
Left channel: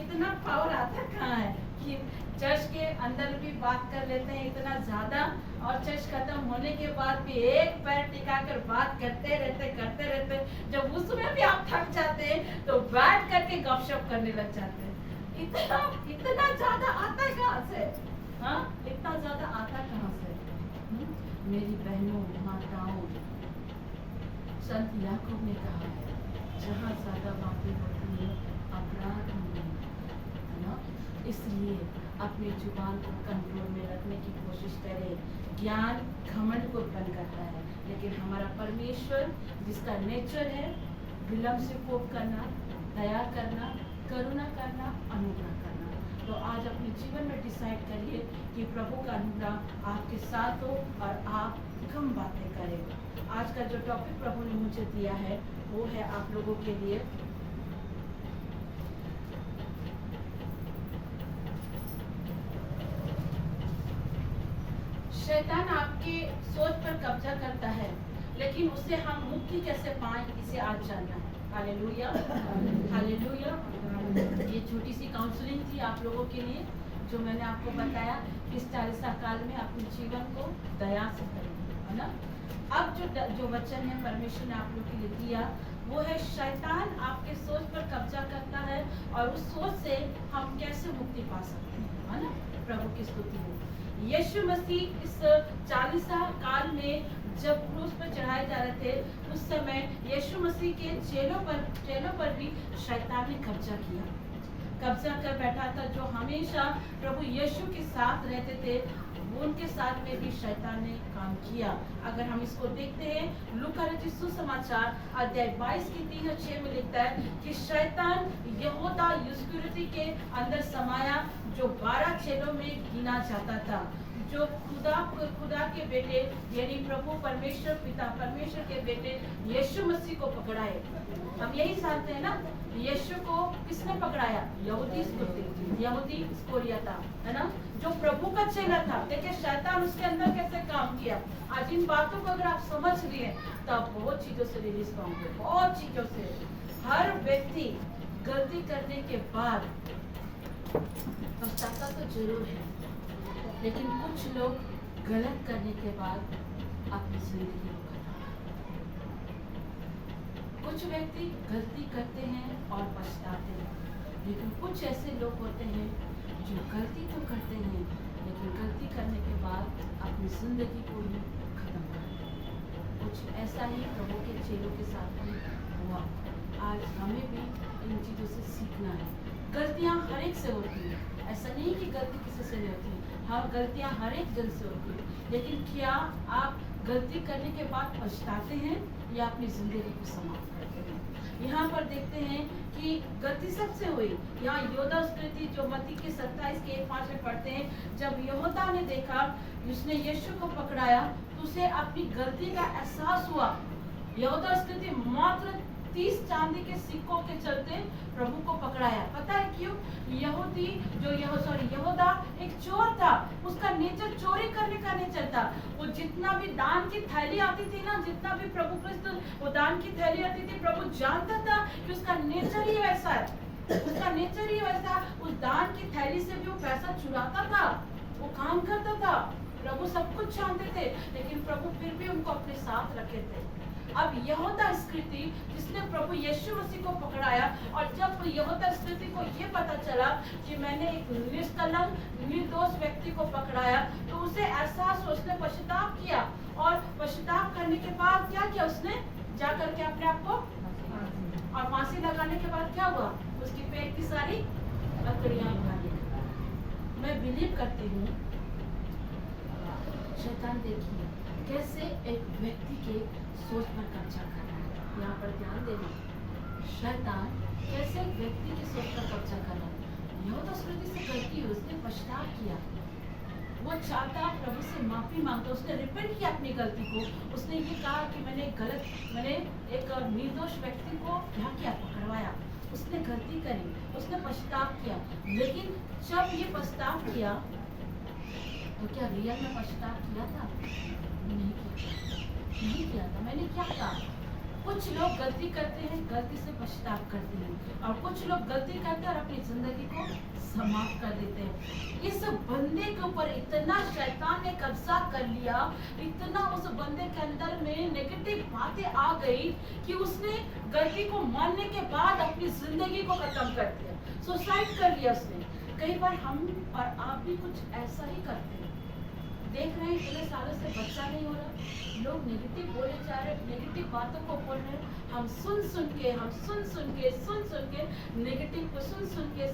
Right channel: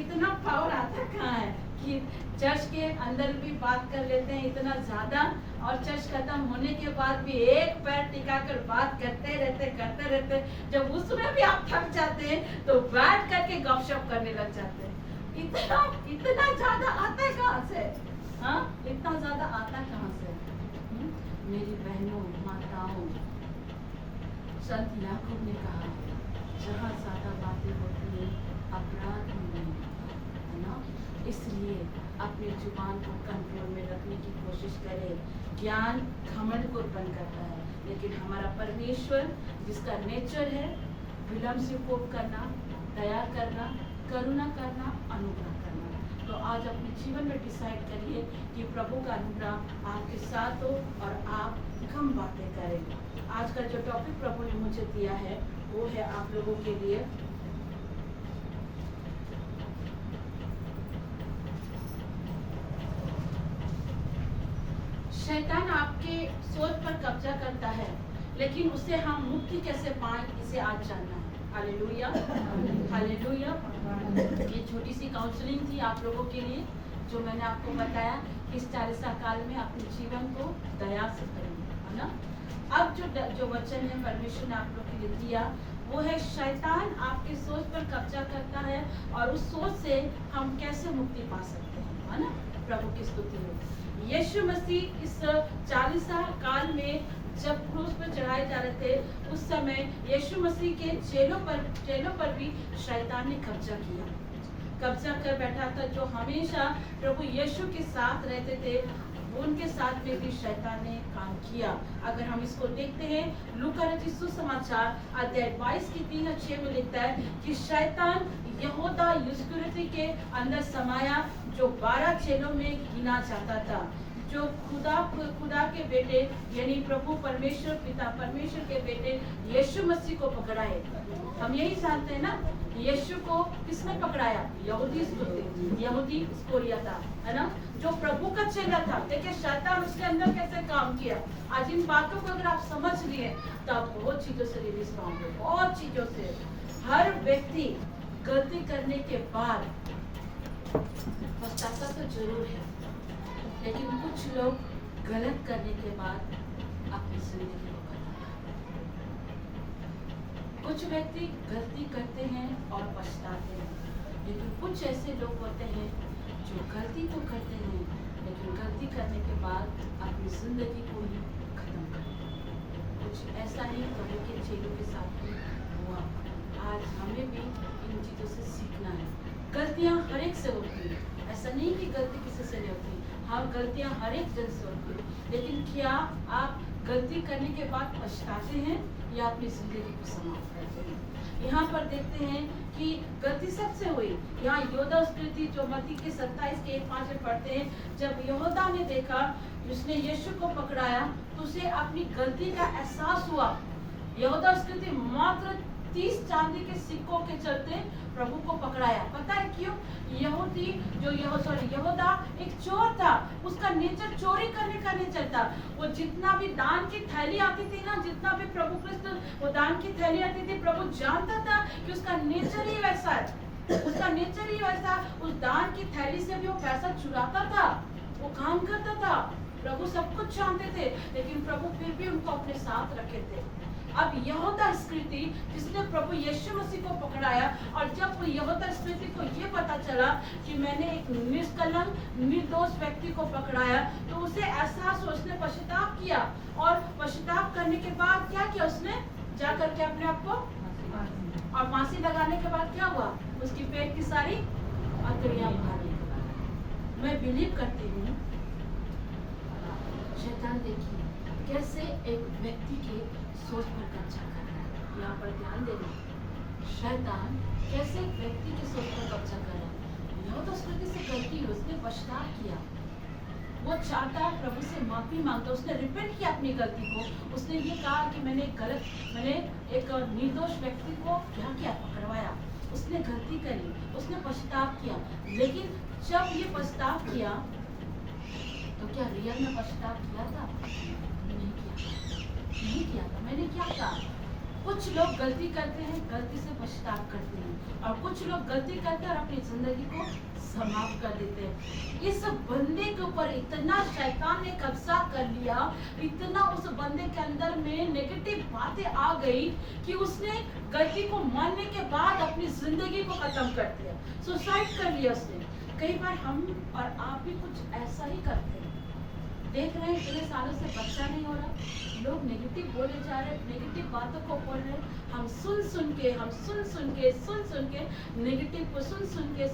इतना पावर आता कहाँ है कि चर्च के अंदर भी बात कर लेते हैं इतना ज्यादा, और चर्च खत्म होने के बाद भी एक पैर टिकाकर बात करते रहते। जब उसमें भी आप थक जाते हैं तो बैठ करके गपशप करने लग जाते हैं। इतना ज्यादा आता है कहाँ से? हाँ, इतना ज्यादा आता कहाँ से? मेरी बहनों माताओं, संत याकूब ने कहा है जहाँ ज्यादा बातें होती है अपराध नहीं है ना। इसलिए अपने जुबान को कंट्रोल में रखने की कोशिश करें। ज्ञान घमंड को उत्पन्न करता है, लेकिन हमारा परमेश्वर जिसका नेचर है विलम्ब से कोप करना, दया करना, करुणा करना, अनुग्रह करना। तो आज अपने जीवन में डिसाइड करिए कि प्रभु का अनुग्रह आपके साथ हो और आप कम बातें करें। आज का जो टॉपिक प्रभु ने मुझे दिया है वो है आप लोगों के लिए शैतान आपके सोच पर कब्जा करता है, लेकिन उससे हम मुक्ति कैसे पाएं इसे आज जानना है। Hallelujah, hallelujah. ये छोटी सी काउंसलिंग थी आप लोगों के लिए, जो मैंने आपको बताया कि इस 40 साल में अपने जीवन को दया से करेंगे, है ना। अब जो वचन है परमेश्वर ने आप लोग के लिए दिया वो है शैतान आपके सोच पर कब्जा करता है और उस सोच से हम कैसे मुक्ति पा सकते हैं, है ना। प्रभु की स्तुति हो। यीशु मसीह इस 40 साल काल में जब क्रूस पर चढ़ाए जा रहे थे उस समय यीशु मसीह के चेलों पर भी शैतान ने कब्जा कर बैठा था। जो हमेशा प्रभु यीशु के साथ रहते थे उनके साथ में भी शैतान ने काम किया। अगर हम इसको देखते हैं लूका रचित सुसमाचार अध्याय 22 की 3 और 6 में लिखता है कि शैतान यहूदा इस्करियोती के अंदर समाया जो 12 चेलों में गिना जाता था, जो खुदा के बेटे यानी प्रभु परमेश्वर पिता परमेश्वर के बेटे यीशु मसीह को पकड़ाए। हम यही जानते हैं ना, यीशु को किसने पकड़ाया? यहूदी इस्करियोता, है ना, जो प्रभु का चेला था। देखिए शैतान उसके अंदर कैसे काम किया। आज इन बातों को अगर आप समझ लिए तो आप बहुत चीजों से रिलीज पाओगे, बहुत चीजों से। हर व्यक्ति गलती करने के बाद पछताता तो जरूर है, लेकिन कुछ लोग गलत करने के बाद अपनी जिंदगी को खत्म करते हैं। कुछ व्यक्ति गलती करते हैं और पछताते हैं, लेकिन कुछ ऐसे लोग होते हैं जो गलती तो करते हैं लेकिन गलती करने के बाद अपनी जिंदगी को ही खत्म करते हैं। कुछ ऐसा ही प्रभु के चेलों के साथ भी हुआ। आज हमें भी इन चीजों से सीखना है। गलतियां हर एक से होती है, ऐसा नहीं कि गलती किसी से नहीं होती। हाँ, गलतियां हर एक जन से होती है, लेकिन क्या आप गलती करने के बाद पछताते हैं या अपनी जिंदगी को समाप्त करते हैं? यहाँ पर देखते हैं कि गलती सबसे हुई। यहाँ यहूदा स्मृति जो मत्ती के 27 के 1-5 में पढ़ते हैं, जब यहूदा ने देखा उसने यीशु को पकड़ाया तो उसे अपनी गलती का एहसास हुआ। यहूदा स्मृति मात्र 30 चांदी के सिक्कों के चलते प्रभु को पकड़ाया। पता है क्यों? यहूदा एक चोर था। उसका नेचर चोरी करने का नेचर था। वो जितना भी दान की थैली आती थी ना, जितना भी प्रभु कृष्ण वो दान की थैली आती थी, प्रभु जानता था कि उसका नेचर ही वैसा है, उसका नेचर ही वैसा। उस दान की थैली से भी वो पैसा चुराता था, वो काम करता था। प्रभु सब कुछ जानते थे, लेकिन प्रभु फिर भी उनको अपने साथ रखे थे। अब यहूदा स्मृति जिसने प्रभु यीशु मसीह को पकड़ाया, और जब यहूदा स्मृति को ये पता चला कि मैंने एक निष्कलंक निर्दोष व्यक्ति को पकड़ाया, तो उसे एहसास, उसने पश्चाताप किया। और पश्चाताप करने के बाद क्या किया उसने? जा करके अपने आप को और फांसी लगाने के बाद क्या हुआ? उसकी पेट की सारी अतड़ियां उखाड़ी। मैं बिलीव करती हूँ शैतान देखिए कैसे एक व्यक्ति के सोच पर कब्जा कर रहा है। यहाँ पर ध्यान देना, शैतान कैसे एक व्यक्ति की सोच पर कब्जा कर रहा है। यह तो स्मृति से गलती हुई, उसने पछतावा किया, वो चाहता प्रभु से माफी मांगता, उसने रिपेंट किया अपनी गलती को। उसने ये कहा कि मैंने एक निर्दोष व्यक्ति को क्या किया? पकड़वाया। उसने गलती करी, उसने पछतावा किया। लेकिन जब ये पछतावा किया तो क्या रियल में पछतावा किया था? नहीं किया था। मैंने क्या कहा? कुछ लोग गलती करते हैं, गलती से पछतावा करते हैं, और कुछ लोग गलती करते हैं और अपनी जिंदगी को समाप्त कर देते हैं। इस बंदे के ऊपर इतना शैतान ने कब्जा कर लिया, इतना उस बंदे के अंदर में नेगेटिव बातें आ गई कि उसने गलती को मानने के बाद अपनी जिंदगी को खत्म कर दिया, सुसाइड कर लिया उसने। कई बार हम और आप भी कुछ ऐसा ही करते हैं। देख रहे हैं इतने सालों से बच्चा नहीं हो रहा, लोग नेगेटिव बोले जा रहे, नेगेटिव बातों को बोल रहे, हम सुन सुन के नेगेटिव को सुन के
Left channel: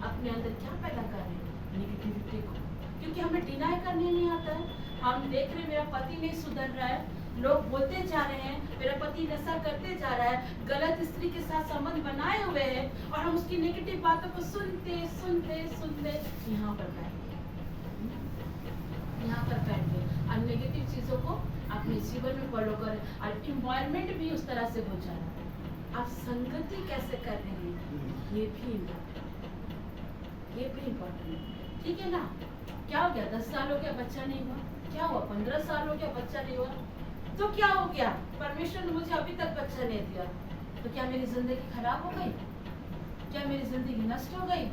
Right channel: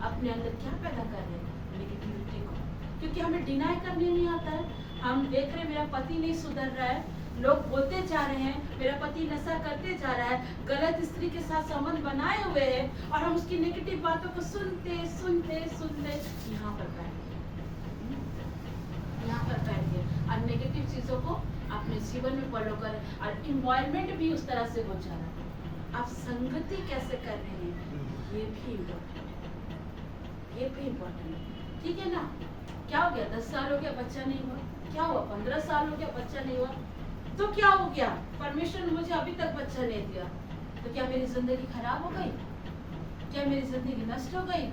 अपने अंदर क्या पैदा कर रहे हैं? नेगेटिविटी को। क्योंकि हमें डिनाई करनी नहीं आता है। हम देख रहे हैं मेरा पति नहीं सुधर रहा है, लोग बोलते जा रहे हैं मेरा पति नशा करते जा रहा है, गलत स्त्री के साथ संबंध बनाए हुए हैं, और हम उसकी नेगेटिव बातों को सुनते यहाँ पर बैठ गए और नेगेटिव चीजों को अपने जीवन में फॉलो करें, और इन्वायरमेंट भी उस तरह से हो जा रहा है। आप संगति कैसे कर रहे हैं ये भी इम्पोर्टेंट है। ठीक है ना? क्या हो गया? 10 साल हो गया बच्चा नहीं हुआ, क्या हुआ? 15 साल हो गया बच्चा नहीं हुआ, तो क्या हो गया? परमेश्वर ने मुझे अभी तक बच्चा नहीं दिया, तो क्या मेरी जिंदगी खराब हो गई? क्या मेरी जिंदगी नष्ट हो गई?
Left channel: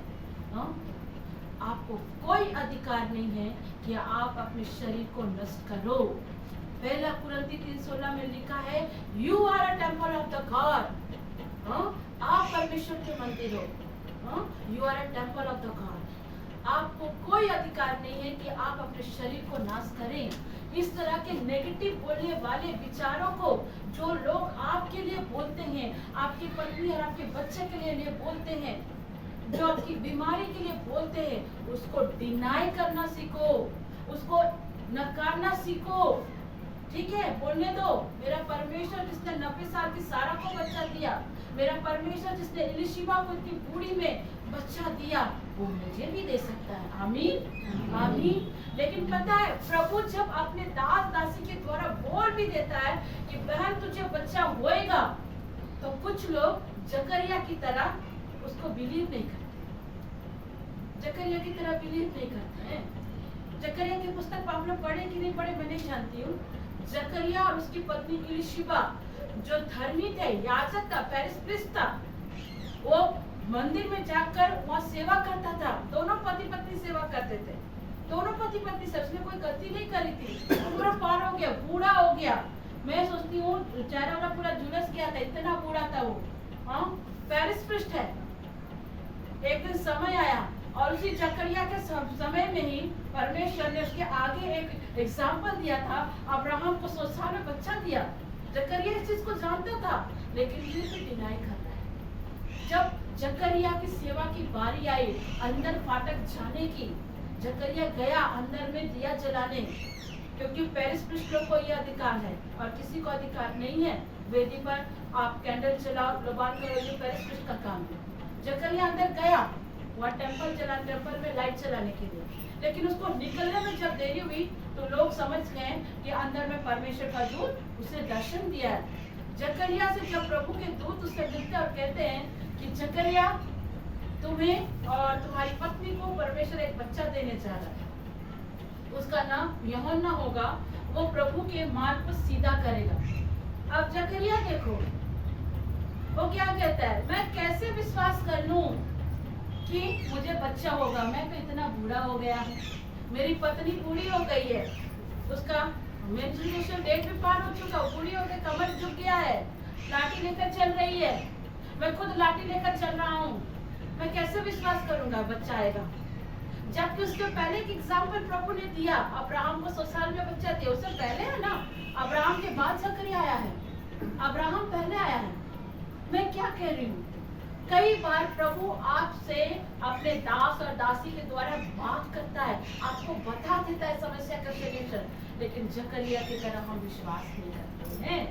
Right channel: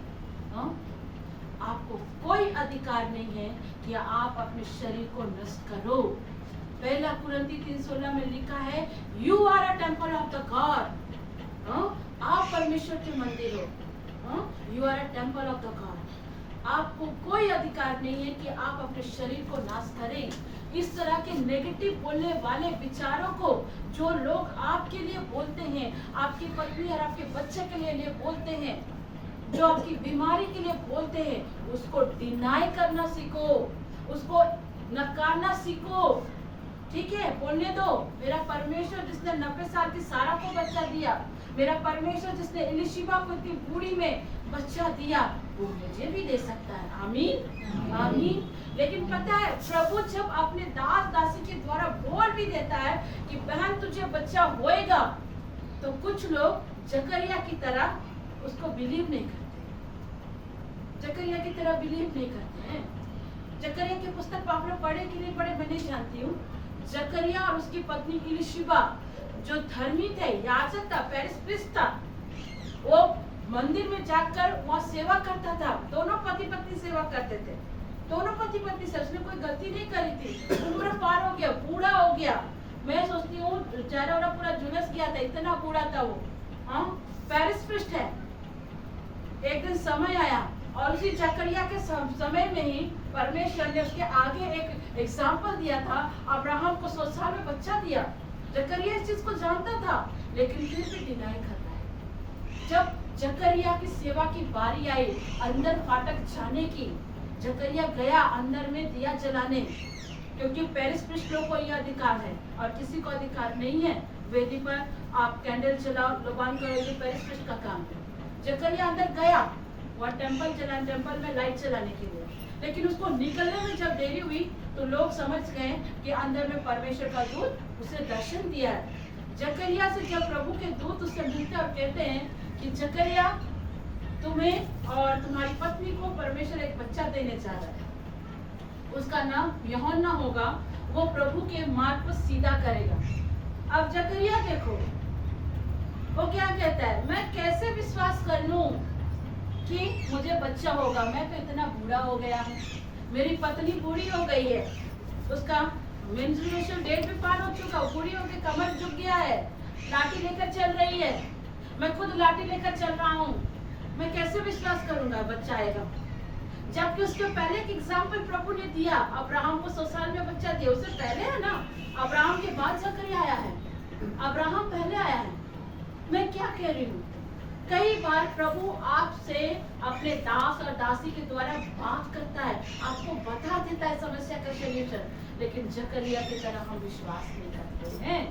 आपको कोई अधिकार नहीं है कि आप अपने शरीर को नष्ट करो। पहला कुरिन्थी 3:16 में लिखा है, you are a temple of the God. आप परमेश्वर के मंदिर हो। You are a temple of the God. आपको कोई अधिकार नहीं है कि आप अपने शरीर को नाश करें। इस तरह के नेगेटिव बोलने वाले विचारों को जो लोग आपके लिए बोलते हैं, आपकी पत्नी और आपके बच्चे के लिए बोलते हैं, जो आपकी बीमारी के लिए बोलते हैं, उसको डिनाई करना सीखो, उसको नकारना सीखो। ठीक है? बोलने दो, मेरा परमेश्वर जिसने 90 साल की सारा को बच्चा दिया, मेरा परमेश्वर जिसने एलिशिबा को इतनी बूढ़ी में बच्चा दिया, वो मुझे भी दे सकता है। आमीन आमीन। लेकिन पता है प्रभु जब अपने दास दासी के द्वारा बोल भी देता है कि बहन तुझे बच्चा होएगा, तो कुछ लोग जकरिया की तरह उसको बिलीव नहीं करते, जकरिया की तरह बिलीव नहीं करते हैं। जकरिया की पुस्तक आपने पढ़े कि नहीं पढ़े मैं नहीं जानती हूँ। जकरिया और उसकी पत्नी इलिशिबा जो धर्मी थे, याजक था, पेरिस था, वो मंदिर में जाकर वहाँ सेवा करता था। दोनों पति पत्नी सेवा करते थे, दोनों पति पत्नी से। उसने कोई गलती नहीं करी थी। उम्र पार हो गया, बूढ़ा हो गया, मैं सोचती हूँ चेहरा वाला पूरा झुलस गया था, इतना बूढ़ा था वो। हाँ, पेरिस है। एक दिन समय आया और उसी जकरिया के समय में ही परमेश्वर ने उसके आगे एक एग्जाम्पल दिया था। अब्राहम को 100 साल में बच्चा दिया। जकरिया इस चीज को जानता था, लेकिन फिर भी डिनाई कर रहा है। जब जकरिया की सेवा की बारी आई अंदर फाटक जाने की, जकरिया गया अंदर में दिया जलाने, क्योंकि पेरिस लोग को यह अधिकार है और किसी को अधिकार नहीं है। वेदी पर आप कैंडल जलाओ, लोबान करो, ये पेरिस का काम है। जकरिया अंदर गया, वहाँ टेम्पल में लाइट जलाने के लिए, लेकिन उसको निकलने में जब देरी हुई तो लोग समझ गए कि अंदर में परमेश्वर का दूत उसे दर्शन दिया है। जकरिया से जब प्रभु के दूत उससे मिलते और कहते हैं कि जकरिया तुम्हें और तुम्हारी पत्नी को परमेश्वर एक बच्चा देने जा रहा है, उसका नाम यूहन्ना होगा, वो प्रभु के मार्ग को सीधा करेगा। अब जकरिया देखो वो क्या कहता है, मैं कैसे विश्वास कर लूं कि मुझे बच्चा होगा, मैं तो इतना बूढ़ा हो गया हूँ, मेरी पत्नी बूढ़ी हो गई है, उसका मेंस्ट्रुएशन डेट भी पार हो चुका, बूढ़ी हो गई, कमर झुक गया है, लाठी लेकर चल रही है, मैं खुद लाठी लेकर चल रहा हूँ, मैं कैसे विश्वास करूंगा बच्चा आएगा। जबकि उसके पहले एक एग्जाम्पल प्रभु ने दिया, अब्राहम को 100 साल में बच्चा दिया, उससे पहले है ना, अब्राहम के बाद जकरिया आया है, अब्राहम पहले आया है। मैं क्या कह रही हूँ, कई बार प्रभु आपसे अपने दास और दासी के द्वारा बात करता है, आपको बता देता है समस्या का सॉल्यूशन, लेकिन जकरिया की तरह हम विश्वास नहीं करते हैं,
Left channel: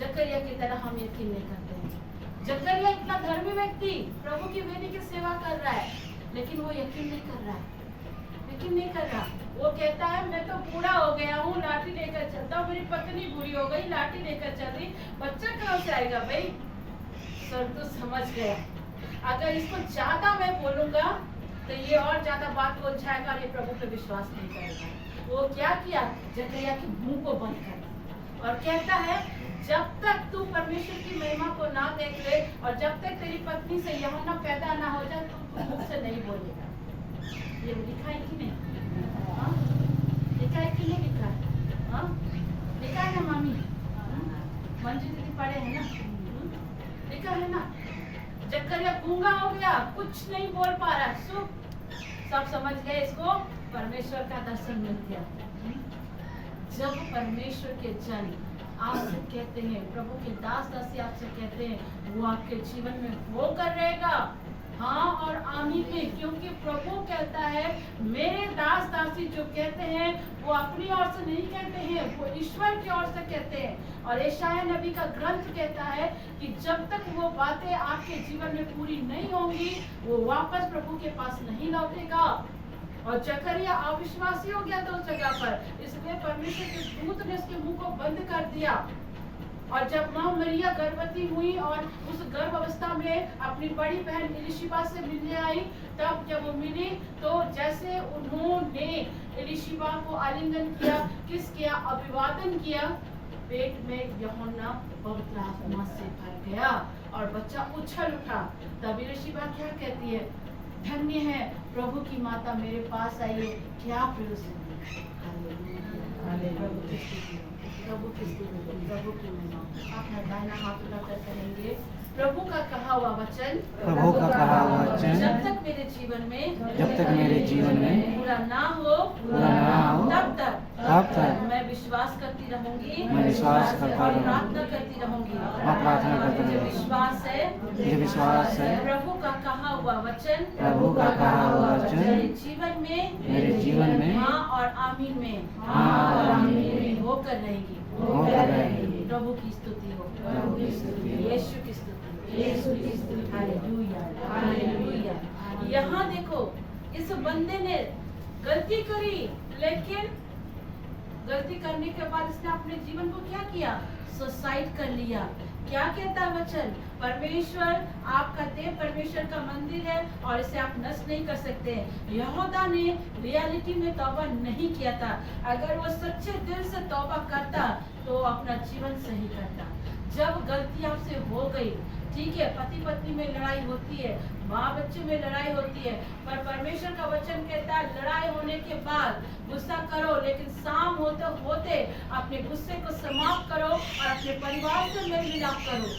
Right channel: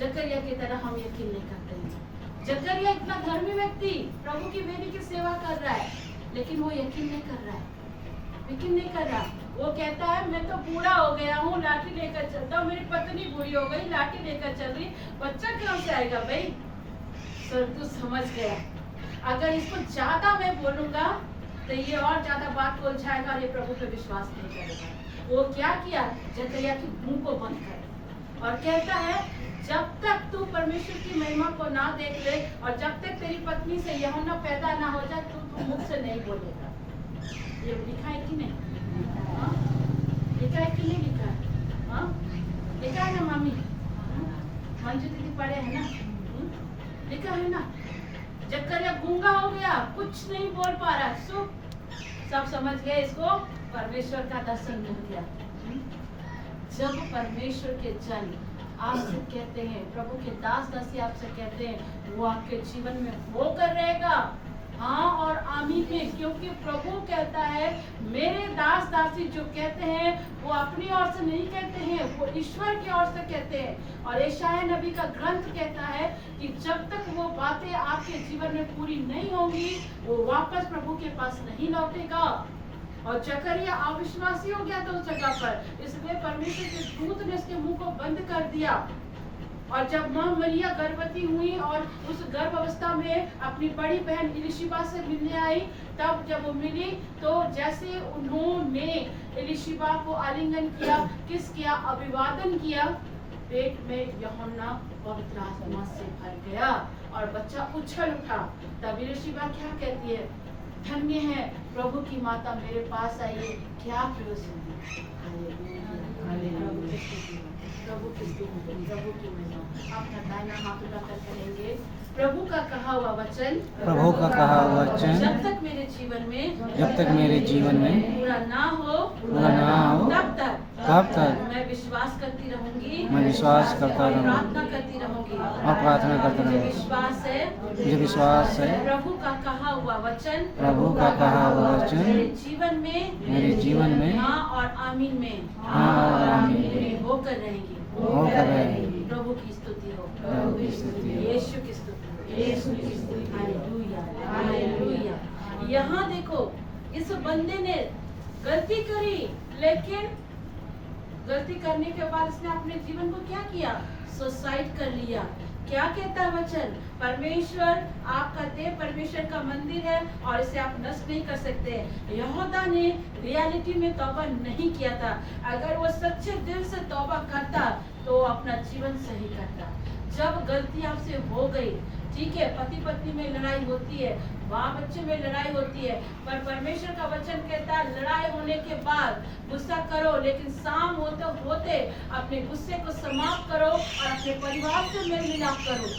जकरिया की तरह हम यकीन नहीं करते हैं। जकरिया इतना धर्मी व्यक्ति प्रभु की वेदी की सेवा कर रहा है, लेकिन वो यकीन नहीं कर रहा है, यकीन नहीं कर रहा। वो कहता है मैं तो बूढ़ा हो गया हूँ, लाठी लेकर चलता हूँ, मेरी पत्नी बूढ़ी हो गई, लाठी लेकर चल रही, बच्चा कहाँ से आएगा भाई। तो समझ गया, अगर इसको ज्यादा मैं बोलूंगा तो ये और ज्यादा बात को उलझाएगा और ये प्रभु पे विश्वास नहीं करेगा। वो क्या किया, जकरिया के मुंह को बंद कर और कहता है जब तक तू परमेश्वर की महिमा को ना देख ले और जब तक तेरी पत्नी से यूहन्ना पैदा ना हो जाए तो तू मुख से नहीं बोलेगा। ये लिखा है कि नहीं? हाँ? लिखा है कि नहीं लिखा है? हाँ? लिखा है ना मामी? मंजू दीदी पढ़े है ना? लिखा है ना। जकरिया गूंगा हो गया, कुछ नहीं बोल पा रहा, सब समझ गए इसको परमेश्वर का दर्शन मिल गया। जब परमेश्वर के जन आपसे कहते हैं, प्रभु के दास दासी आपसे कहते हैं, वो आपके जीवन में होकर रहेगा, हाँ और आमीन में, क्योंकि प्रभु कहता है मेरे दास दासी जो कहते हैं वो अपनी ओर से नहीं कहते हैं, वो ईश्वर की ओर से कहते हैं। और यशायाह नबी का ग्रंथ कहता है कि जब तक वो बातें आपके जीवन में पूरी नहीं होंगी वो वापस प्रभु के पास नहीं लौटेगा। और जकरिया अविश्वासी हो गया था उस जगह पर, इसलिए परमेश्वर के दूत ने उसके मुंह को बंद कर दिया। और जब माँ मरिया गर्भवती हुई और उस गर्भ अवस्था में अपनी बड़ी बहन इलिशिबा से मिलने आई, तब जब वो मिली तो जैसे उन्होंने इलिशिबा को आलिंगन किया, किस किया, अभिवादन किया, पेट में यूहन्ना पवित्र आत्मा से भर गया और बच्चा उछल उठा। तब इलिशिबा क्या कहती है, धन्य है प्रभु की माता मेरे पास आई है, क्या प्रयोजन। प्रभु की महिमा। अपना दाहिना हाथ उठाकर करेंगे, प्रभु का कहा हुआ वचन, प्रभु का कहा हुआ वचन जब तक मेरे जीवन में पूरा ना हो तब तक मैं विश्वास करती रहूंगी, मैं विश्वास करता रहूंगी, प्रार्थना करती रहूंगी और प्रार्थना करता रहूंगी। मुझे विश्वास है प्रभु का कहा हुआ वचन, मेरे जीवन में हाँ और आमीन में पूरी होकर रहेगी। प्रभु की स्तुति हो, यीशु की स्तुति, हालेलुया, हालेलुया। यहाँ देखो इस बंदे ने गलती करी, लेकिन गलती करने के बाद इसने अपने जीवन को क्या किया? सुसाइड कर लिया। क्या कहता है वचन? परमेश्वर आपका देह परमेश्वर का मंदिर है और इसे आप नष्ट नहीं कर सकते। यहूदा ने रियलिटी में तौबा नहीं किया था। अगर वो सच्चे दिल से तौबा करता तो अपना जीवन सही करता। जब गलती आपसे हो गई, ठीक है, पति पत्नी में लड़ाई होती है, माँ बच्चे में लड़ाई होती है, पर परमेश्वर का वचन कहता है लड़ाई होने के बाद गुस्सा करो, लेकिन शाम होते होते अपने गुस्से को समाप्त करो और अपने परिवार से मेल मिलाप करो।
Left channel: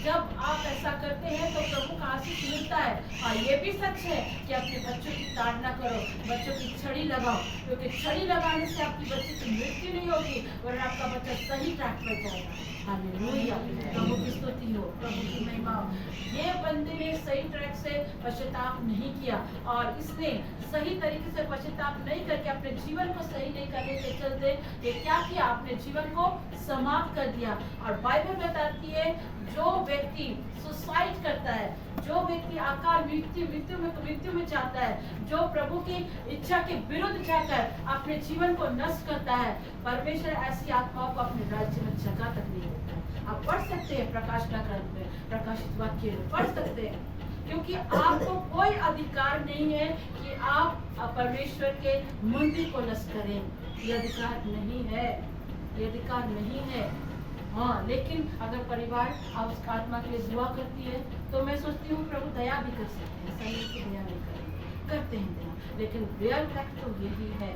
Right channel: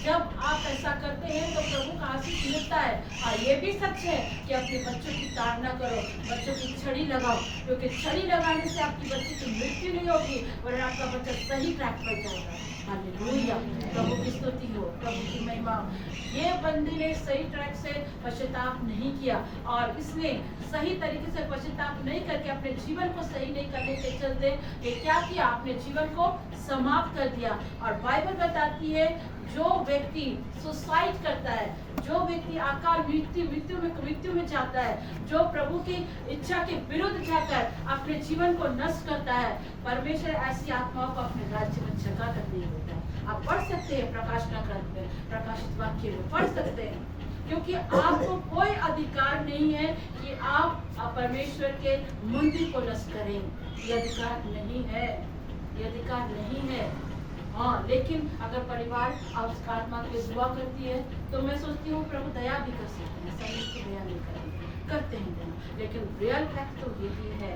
जब आप ऐसा करते हैं तो प्रभु का आशीष मिलता है। और ये भी सच है कि अपने बच्चों की ताड़ना करो, बच्चों की छड़ी लगाओ, क्योंकि छड़ी लगाने से आपकी बच्ची की मृत्यु नहीं होगी और आपका बच्चा सही ट्रैक पर जाएगा। हालेलुया, प्रभु की स्तुति हो, प्रभु की महिमा हो। ये बंदे ने सही ट्रैक से पश्चाताप नहीं किया और इसने सही तरीके से पश्चाताप नहीं करके अपने जीवन को सही नहीं करने के चलते ये क्या किया? अपने जीवन को समाप्त कर दिया। और बाइबल बताती है जो व्यक्ति सुसाइड करता है, जो व्यक्ति आकार मृत्यु में जाता है, जो प्रभु की इच्छा के विरुद्ध जाकर अपने जीवन को नष्ट करता है, परमेश्वर ऐसी आत्माओं को अपने राज्य में जगह तक नहीं होता है। आप पढ़ सकते हैं प्रकाश का ग्रंथ में, प्रकाशित वाक्य में पढ़ सकते हैं, क्योंकि आपको कोई अधिकार नहीं है कि आप परमेश्वर के मंदिर को नष्ट करें। ये अधिकार नहीं है, ये अधिकार नहीं है। हाँ, लेकिन अगर परिवार उस आत्मा के लिए दुआ करती है तो मैं सोचती हूँ प्रभु दया भी कर सकते हैं, सही की दया नहीं करते हैं दया। लेकिन रियल फैक्ट तो यही है,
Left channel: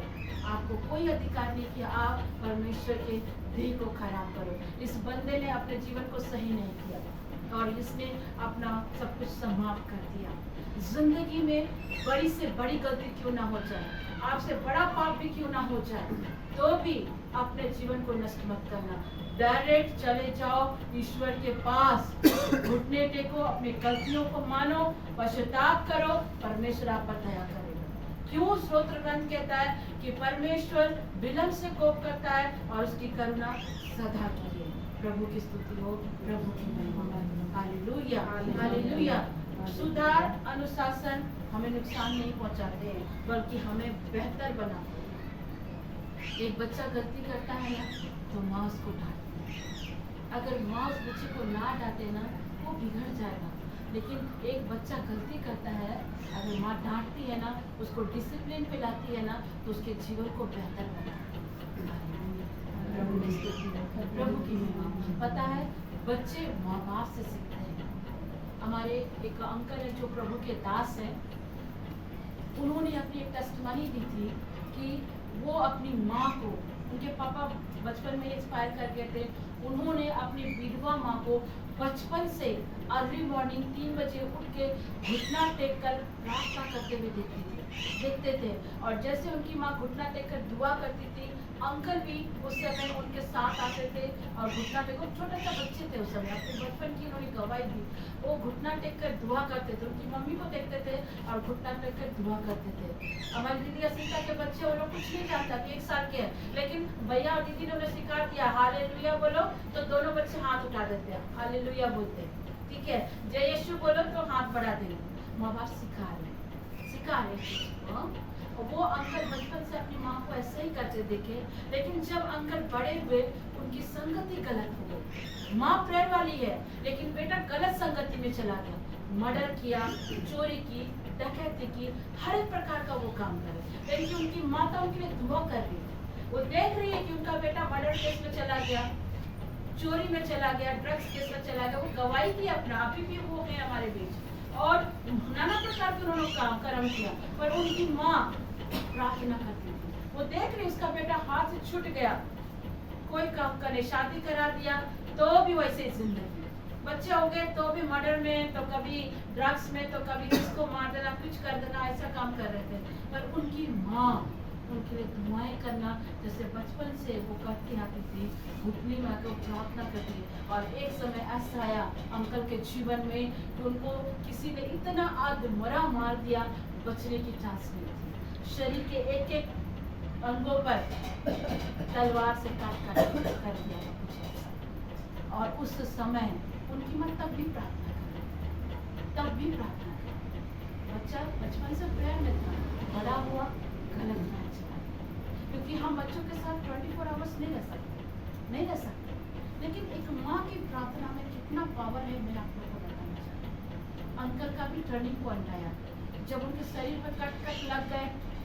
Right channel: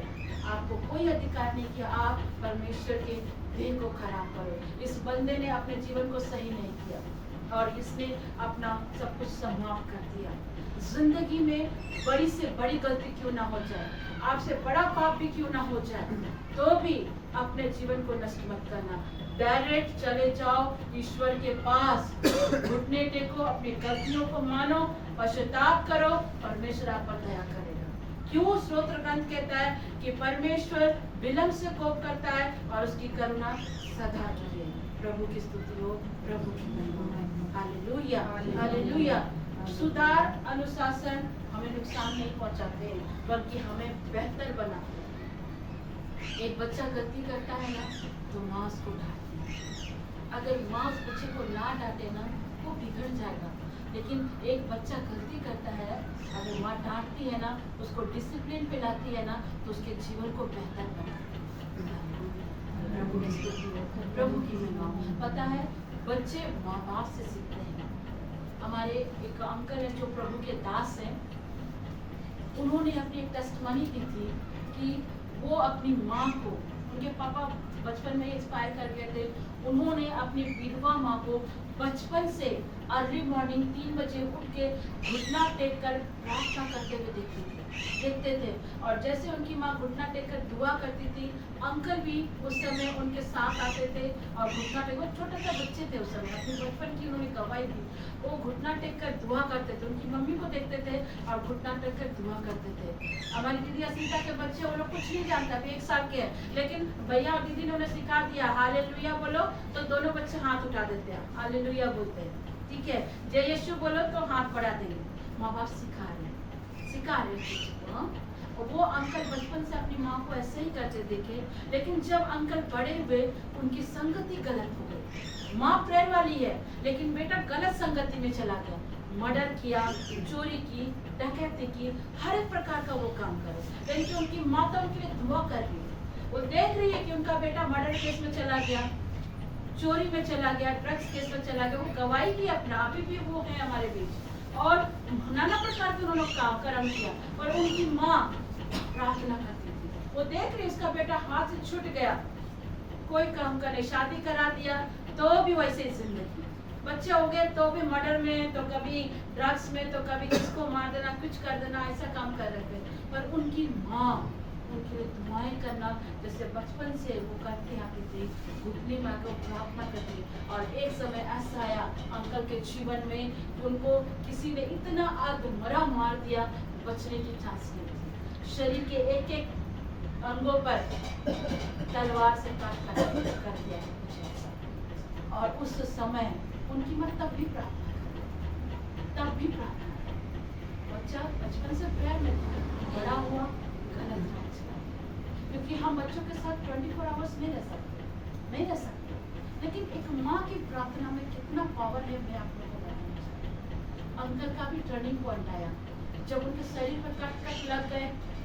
आपको कोई अधिकार नहीं कि आप परमेश्वर के देह को खराब करो। इस बंदे ने अपने जीवन को सही नहीं किया और इसने अपना सब कुछ समाप्त कर दिया। जिंदगी में बड़ी से बड़ी गलती क्यों ना हो जाए, आपसे बड़ा पाप भी क्यों ना हो जाए, तो भी अपने जीवन को नष्ट मत करना। डायरेक्ट चले जाओ ईश्वर के पास, घुटने टेको, अपनी गलतियों को मानो, पश्चाताप करो, परमेश्वर आप पर दया करेगा। क्यों स्तोत्र ग्रंथ कहता है कि परमेश्वर विलंब से कोप करता है और उसकी करुणा सदा की है। प्रभु की स्तुति हो, प्रभु की महिमा। Hallelujah, hallelujah. सुधार अनुशासन हमें नुकसान नहीं पहुंचाते हैं, बल्कि हमें बेहतर बनाते हैं। एक बच्चा गलती करता है ना तो माँ उसको डांटती है। अगर माँ उस बच्चे को ना डांटे ना वो बिगड़ जाएगा, लेकिन एक बच्चा गलती करता है, अगर माँ डांटती है ना, उसको डिसिप्लिन पे लाती है ना, तो उसके जीवन को बेहतर बनाती है। प्रभु की महिमा। पता है बच्चे माँ बाप से सीखते हैं। हमारे एक अंकल है जो प्रभु के दास हैं, उन्होंने अपनी एक टेस्टमनी दी थी कि वो अपनी माँ को, उनके पापा बचपन में एक्सपायर कर गए थे, उन्होंने अपनी विधवा माँ को बचपन से अर्ली मॉर्निंग 3 बजे उठ के घुटना टेक कर प्रार्थना करते हुए देखते थे। और जैसे उनकी माँ घुटना टेक कर दुआ करती थी, अंकल भी उस समय उनके साथ आते थे और घुटना टेक, वो छोटे से बच्चे थे उस समय, अपने बचपन की उन्होंने गवाही दी, वो घुटना टेक कर दुआ करते थे, उनकी मम्मी को देखते थे और घुटना टेक कर दुआ करते थे। हमारी दीदी असीता के बच्चे, वो लोग कुछ नहीं जानता थे, 1 साल के हैं, लेकिन भैया और दीदी ने उन्हें सिखा दिया हालेलुया बोलो तो दोनों बच्चे हाथ उठा देते हैं, हालेलुया बोलते हैं, ठीक है, जय यीशु बोलो तो हाथ बढ़ा देंगे। माँ बाप सिखा रहे और वो अंकल बचपन से अपनी माँ को ऐसे ही करते देखे, लेकिन जब अंकल बड़े हुए उनकी संगति गलत हो गई। माँ प्रेयर वाली है लेकिन बेटा गलत संगति में चला गया, मर्डर किया, चोरी की, डकैती की, हर एक प्रकार का वो काम करे, लेकिन उनकी माता उनके लिए दुआ कर रही है। वो देख रही है कि उनका बेटा मर्डर केस में चला गया, चोरी में चला गया, ड्रग्स केस में चला गया, वो गवाही की अपना, अभी भी वो है हमारे बीच, और नाना प्रकार के उन्होंने कर्म किया, और उनकी माँ प्रार्थना करती थी। वो देख रही उसका बेटा हाथ से छूट गया, कोई काम करे, शादी करा दिया तो भी वैसे ही जिंदगी, बच्चे हो गए तो भी मर्डर में, तो कभी ड्रग्स में, तो कभी किसको मार देना, कुछ कर देना, ऐसा काम कर रहे थे। पर उनकी माँ उनके लिए दुआएं करना जैसे बचपन से वो करती आती थी, घुटने में आकर प्रार्थना करती। और एक समय ऐसा आया अंकल के जीवन में, उनको किसी ने इतना आदमरा मार दिया, बचने की चांस नहीं थी। शरीर के एक एक अंगों पर तलवार से काट कर दिया। और उस समय उनकी मां तब भी प्रार्थना बच्चा बचपन से प्रेयर में था, बड़ा हुआ गलत राह चला, क्योंकि हम बच्चों के साथ 24 आवर्स नहीं रह सकते। लेकिन एक माँ की प्रार्थना में कितना पावर है, मैं आप लोगों को बताना चाहती हूँ। अंकल का भी टर्निंग पॉइंट आया जब उनके शरीर पर कट लग गए,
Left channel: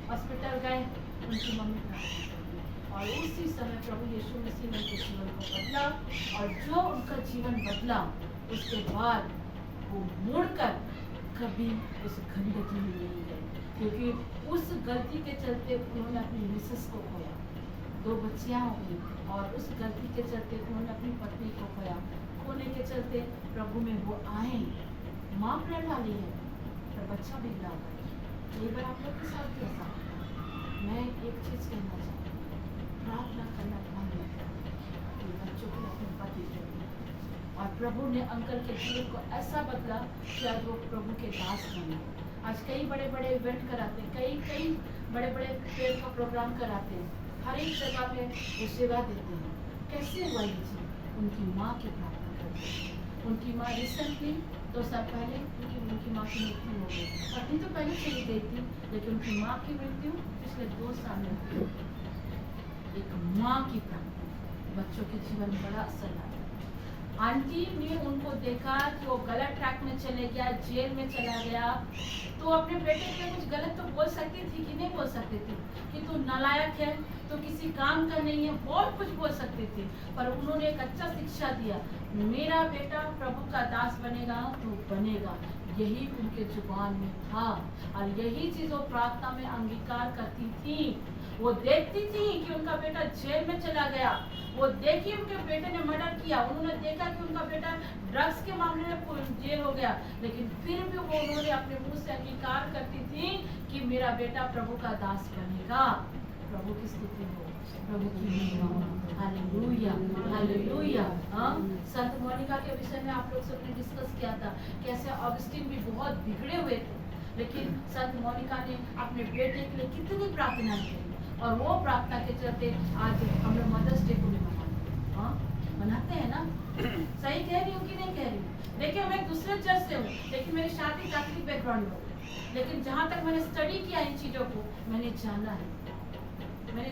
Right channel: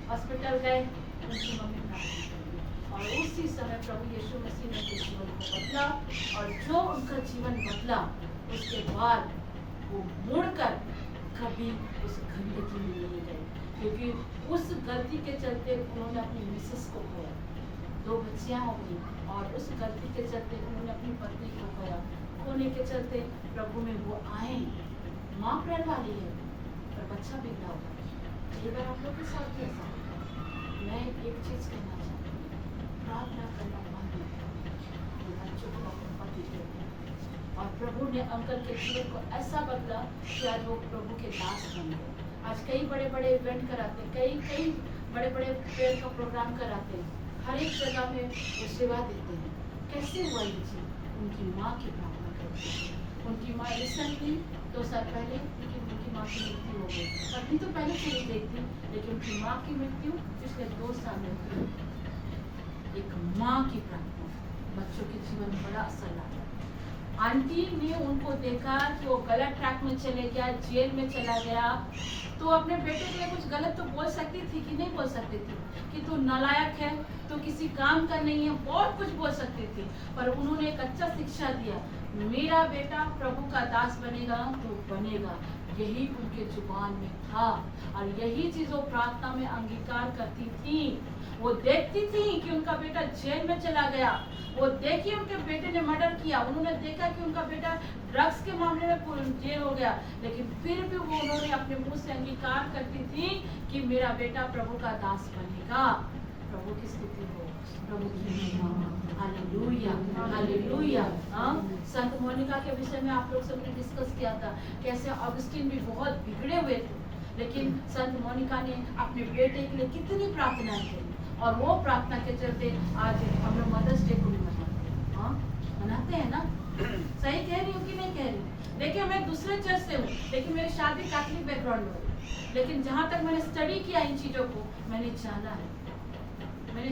हॉस्पिटल गए, उनकी मम्मी प्रार्थना करी और उसी समय प्रभु यीशु मसीह ने जीवन को बदला, और जो उनका जीवन बदला उसके बाद वो मुड़कर कभी उस गंदगी में नहीं गए, क्योंकि उस गलती के चलते उन्होंने अपनी मिसेस को खोया, 2 बच्चियां हो गई, और उस गलती के चलते उन्होंने अपनी पत्नी को खोया। खोने के चलते प्रभु में वो आए, माँ प्रेर वाली है पर बच्चा बिगड़ा होगा। ये बार आप लोग के साथ भी ऐसा होता है। मैं एक चीज कहना चाहती हूँ, प्रार्थना करना बंद नहीं करना, बच्चों को अपने पति देते हैं। और प्रभु ने अंकल के जीवन को ऐसा बदला कि आज वो प्रभु के दास बने। आज कई बड़े बड़े इवेंट कराते हैं, कई बड़े बड़े प्रेयर का प्रोग्राम कराते हैं, हर एक जगह पे वो सेवा देते हैं। कैसे हुआ ये चीज? उनकी माँ की प्रार्थना करते हैं। उनकी माँ रिसेंटली 2 साल पहले उनकी माँ की मृत्यु हो गई। अभी तो पहले चली गई थी, लेकिन उनकी माँ की मृत्यु पिछले 2 साल में हुई। एक माँ की प्रार्थना बच्चों के जीवन में बड़ा असर लाता है। आंटी ने उनको देखा कि वो गलत ट्रैक में चले गया, जेल में चला गया, तो अपने बेटे के लिए कुछ गलत तो बोल सकती थी कि नहीं बोल सकती थी, कि तू नालायक है, तो किसी काम का नहीं है, बहुत कुछ बोल सकती थी। पर उन्होंने एक अच्छा शिक्षा दिया, मेरा बेटा प्रभु का दास बनेगा तो बनेगा, यही उनके जुबान में था। और यही चीज वो प्रार्थना में अंगीकार करती थी। वो देखती थी कि उनका बेटा जेल में चला गया, वो देखी उनके बेटे ने मर्डर किया, उन्होंने देखा कि उनका बेटा ड्रग्स के मामले में जेल हो गया, लेकिन फिर भी वो उन्होंने अपने मुंह से अंगीकार करती थी कि मेरा बेटा प्रभु का दास बनेगा। प्रभु की स्तुति हो, प्रभु की महिमा। Hallelujah, hallelujah. संत मोनिका के विषय में आप लोग सबने डिस्कस किया था, कैसे ऑगस्टीन भी बहुत बिगड़े हुए थे, लेकिन संत मोनिका ने अपने बेटे के लिए कितनी प्रार्थना की, और वो प्रार्थना के चलते आज हम लोग मदर्स डे को भी मनाते हैं ना। सही कह रही हूँ कि नहीं कह रही हूँ? देखिए मैं दूसरे चर्च से हूँ, लेकिन मेरी शादी कैथलिक बैकग्राउंड में हुई, लेकिन जहाँ तक मैंने स्टडी किया इन चीजों को, मैंने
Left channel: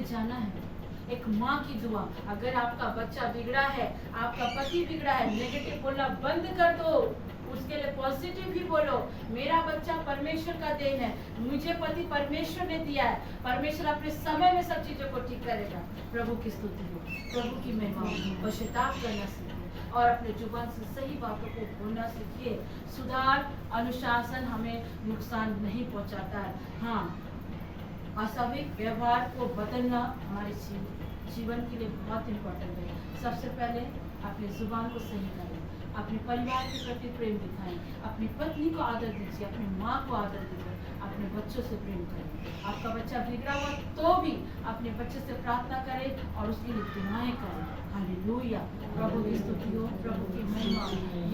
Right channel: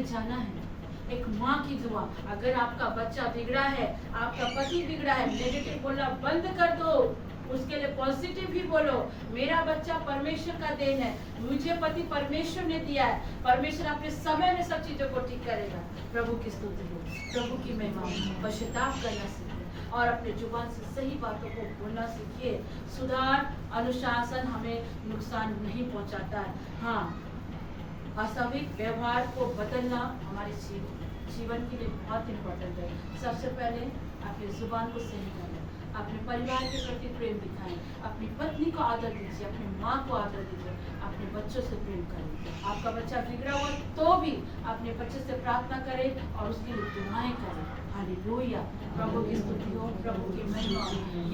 जाना है एक माँ की दुआ। अगर आपका बच्चा बिगड़ा है, आपका पति बिगड़ा है, नेगेटिव बोलना बंद कर दो, उसके लिए पॉजिटिव ही बोलो। मेरा बच्चा परमेश्वर का देन है, मुझे पति परमेश्वर ने दिया है, परमेश्वर अपने समय में सब चीजों को ठीक करेगा। प्रभु की स्तुति हो, प्रभु की महिमा हो। पश्चाताप करना सीखिए और अपने जुबान से सही बातों को बोलना सीखिए। सुधार, अनुशासन हमें नुकसान नहीं पहुंचाता है। हाँ, अस्वाभाविक व्यवहार को बदलना हमारे जीवन के लिए बहुत इम्पोर्टेंट है। सबसे पहले अपनी जुबान को सही करें, अपने परिवार के प्रति प्रेम दिखाएं, अपनी पत्नी को आदर दीजिए, अपनी माँ को आदर दीजिए, अपने बच्चों से प्रेम करें। आपका बच्चा बिगड़ा हुआ तो भी अपने बच्चे से प्रार्थना करें और उसके लिए दुआएं करें। हालेलुया, प्रभु की स्तुति हो, प्रभु की महिमा।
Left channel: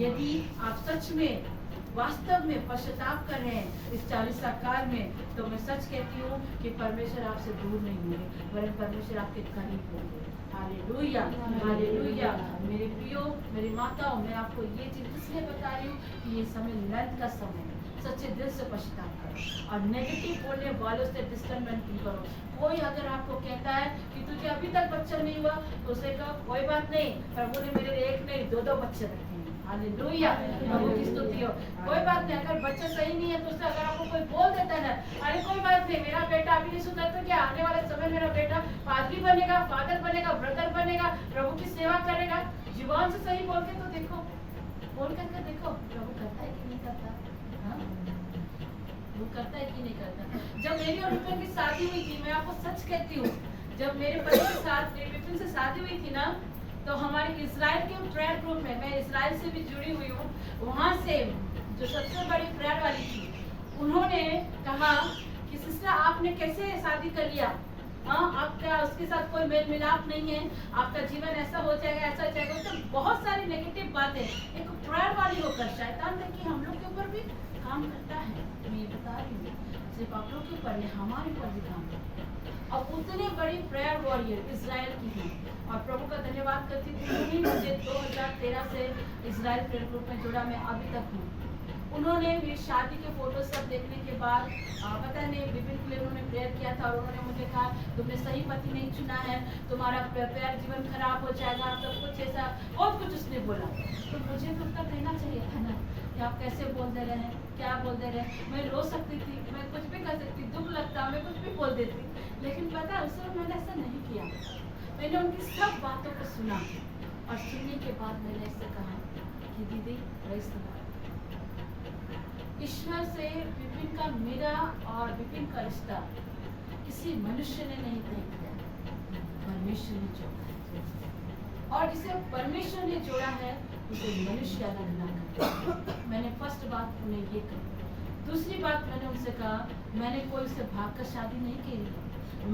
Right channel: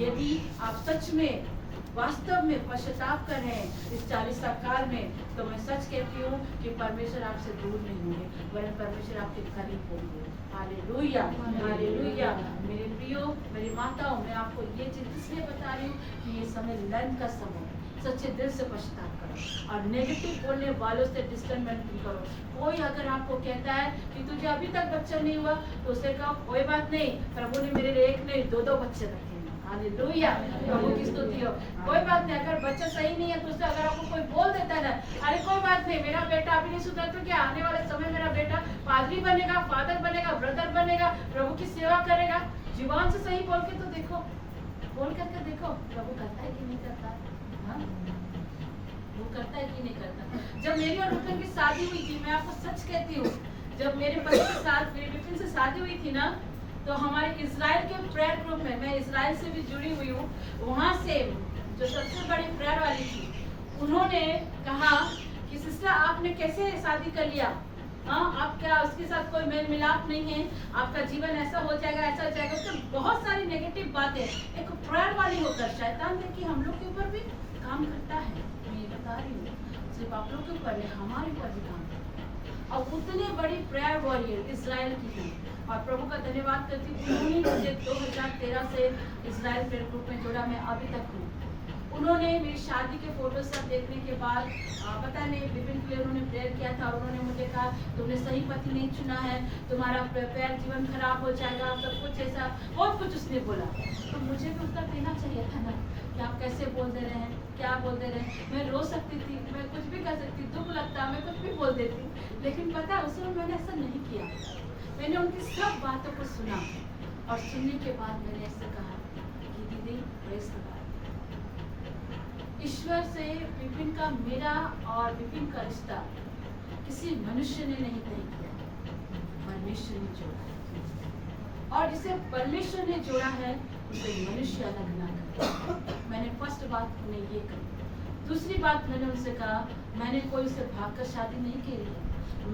यदि आप सच में वास्तव में पश्चाताप कर रहे हैं इस 40 काल में, तो मैं सच कहती हूँ कि परमेश्वर आपसे दूर नहीं होंगे, वरन परमेश्वर आपके करीब होंगे। Hallelujah, hallelujah. मेरे प्रियो, मेरी माताओं, मैं आपको ये चीज इसलिए बता रही हूँ कि ये समय लर्न का समय है। सच्चे दिल से पश्चाताप करो और नेगेटिव बोलने वालों से डिस्टर्बमेंट नहीं करो। कोई अगर आपको कहता है कि तुझे अभी तक बच्चा नहीं हुआ, तो उसे कहो कोई बात नहीं, प्रभु ने मेरे लिए 1 नहीं 2 बच्चे रखे। हालेलुया, प्रभु की स्तुति हो। कोई बात नहीं, अगर बच्चा सही नहीं है तो उससे अगर आपको कोई बोल देता है ना, अरे कोई बात नहीं, मेरा बेटा अभी नहीं सुधर तो क्या, आने वाले समय मेरा बेटा पादरी बनेगा, फादर बनेगा, ब्रदर बनेगा, प्रभु की सेवा करेगा। जुबान से सही बोल के तो देखो, बोल करके देखो, प्रभु करता है कि नहीं करता। हाँ, वो करता है कि नहीं करता। जब मेरी और रुपन की शादी हुई थी, मैं आपको सच कहती हूँ, जब मेरे पति के साथ मेरे विपिन से शादी हुई थी ना, तो हमारे इजराइल के प्रेयर ग्रुप में, मैं इजराइल से भी जुड़ी हुई हूँ, वहाँ से जो सबसे बड़ी प्रेयर वाली थी, उन्होंने कहा कि सिस्टर आपने कैसे शादी कर लिया, हाँ आपका उसके साथ कोई मेल मिलाप नहीं है, आपका जीवन ऐसा हो जाएगा, ऐसा हो जाएगा। तो बहुत सारी नेगेटिव बातें एक प्रेयर वाली होकर शैतान देखिए हम लोग के ऊपर भी काम करता है। मैं ये बता रही हूँ, सिर्फ आप लोग के ऊपर नहीं, हमारे ऊपर भी काम करता है। और उतने बड़ी प्रेयर वॉरियर इजराइल की है, और प्रभु का धन्यवाद करती हूँ, उन्हीं मुझे 2013 से इजराइल प्रेयर ग्रुप में जोड़ा, मैं अभी तक हूँ। उन्होंने मेरी शादी के फोटो सब देखने के बाद पता नहीं विपिन के लिए उन्होंने प्रेयर किया था और उन्होंने मुझे कहा तुमने सही पति नहीं चुना है, तुम्हारा प्यार जीवन खराब हो जाएगा, सब कुछ ऐसा बहुत कुछ उसने बोला। तो मुझे भी उत्तर देना चाहिए था ना कि आप कैसे बोल दे रहे हैं, क्या बोल दे रहे हैं। मैं रो सकती थी, मैं कुछ भी कर सकती, दुख लगता, मैं कुछ भी बोल देती, लेकिन पता है उस समय मैंने ऐसा नहीं किया। मैंने उनकी सब बातों को सुना और सुनने के बाद मैंने ऐसे कहा कि दीदी प्रेज़ द लॉर्ड। ईश्वर से विपिन का, मेरा और विपिन का रिश्ता किसी मनुष्य ने नहीं तय किया, परमेश्वर ने जोड़ा है और जिसे परमेश्वर ने जोड़ा है उसे मनुष्य अलग ना करे। मैंने फर्स्ट बात उन्हें ये कही। दूसरी बात मैंने उनसे कहा, मैंने कोई उसे भागकर शादी नहीं की है,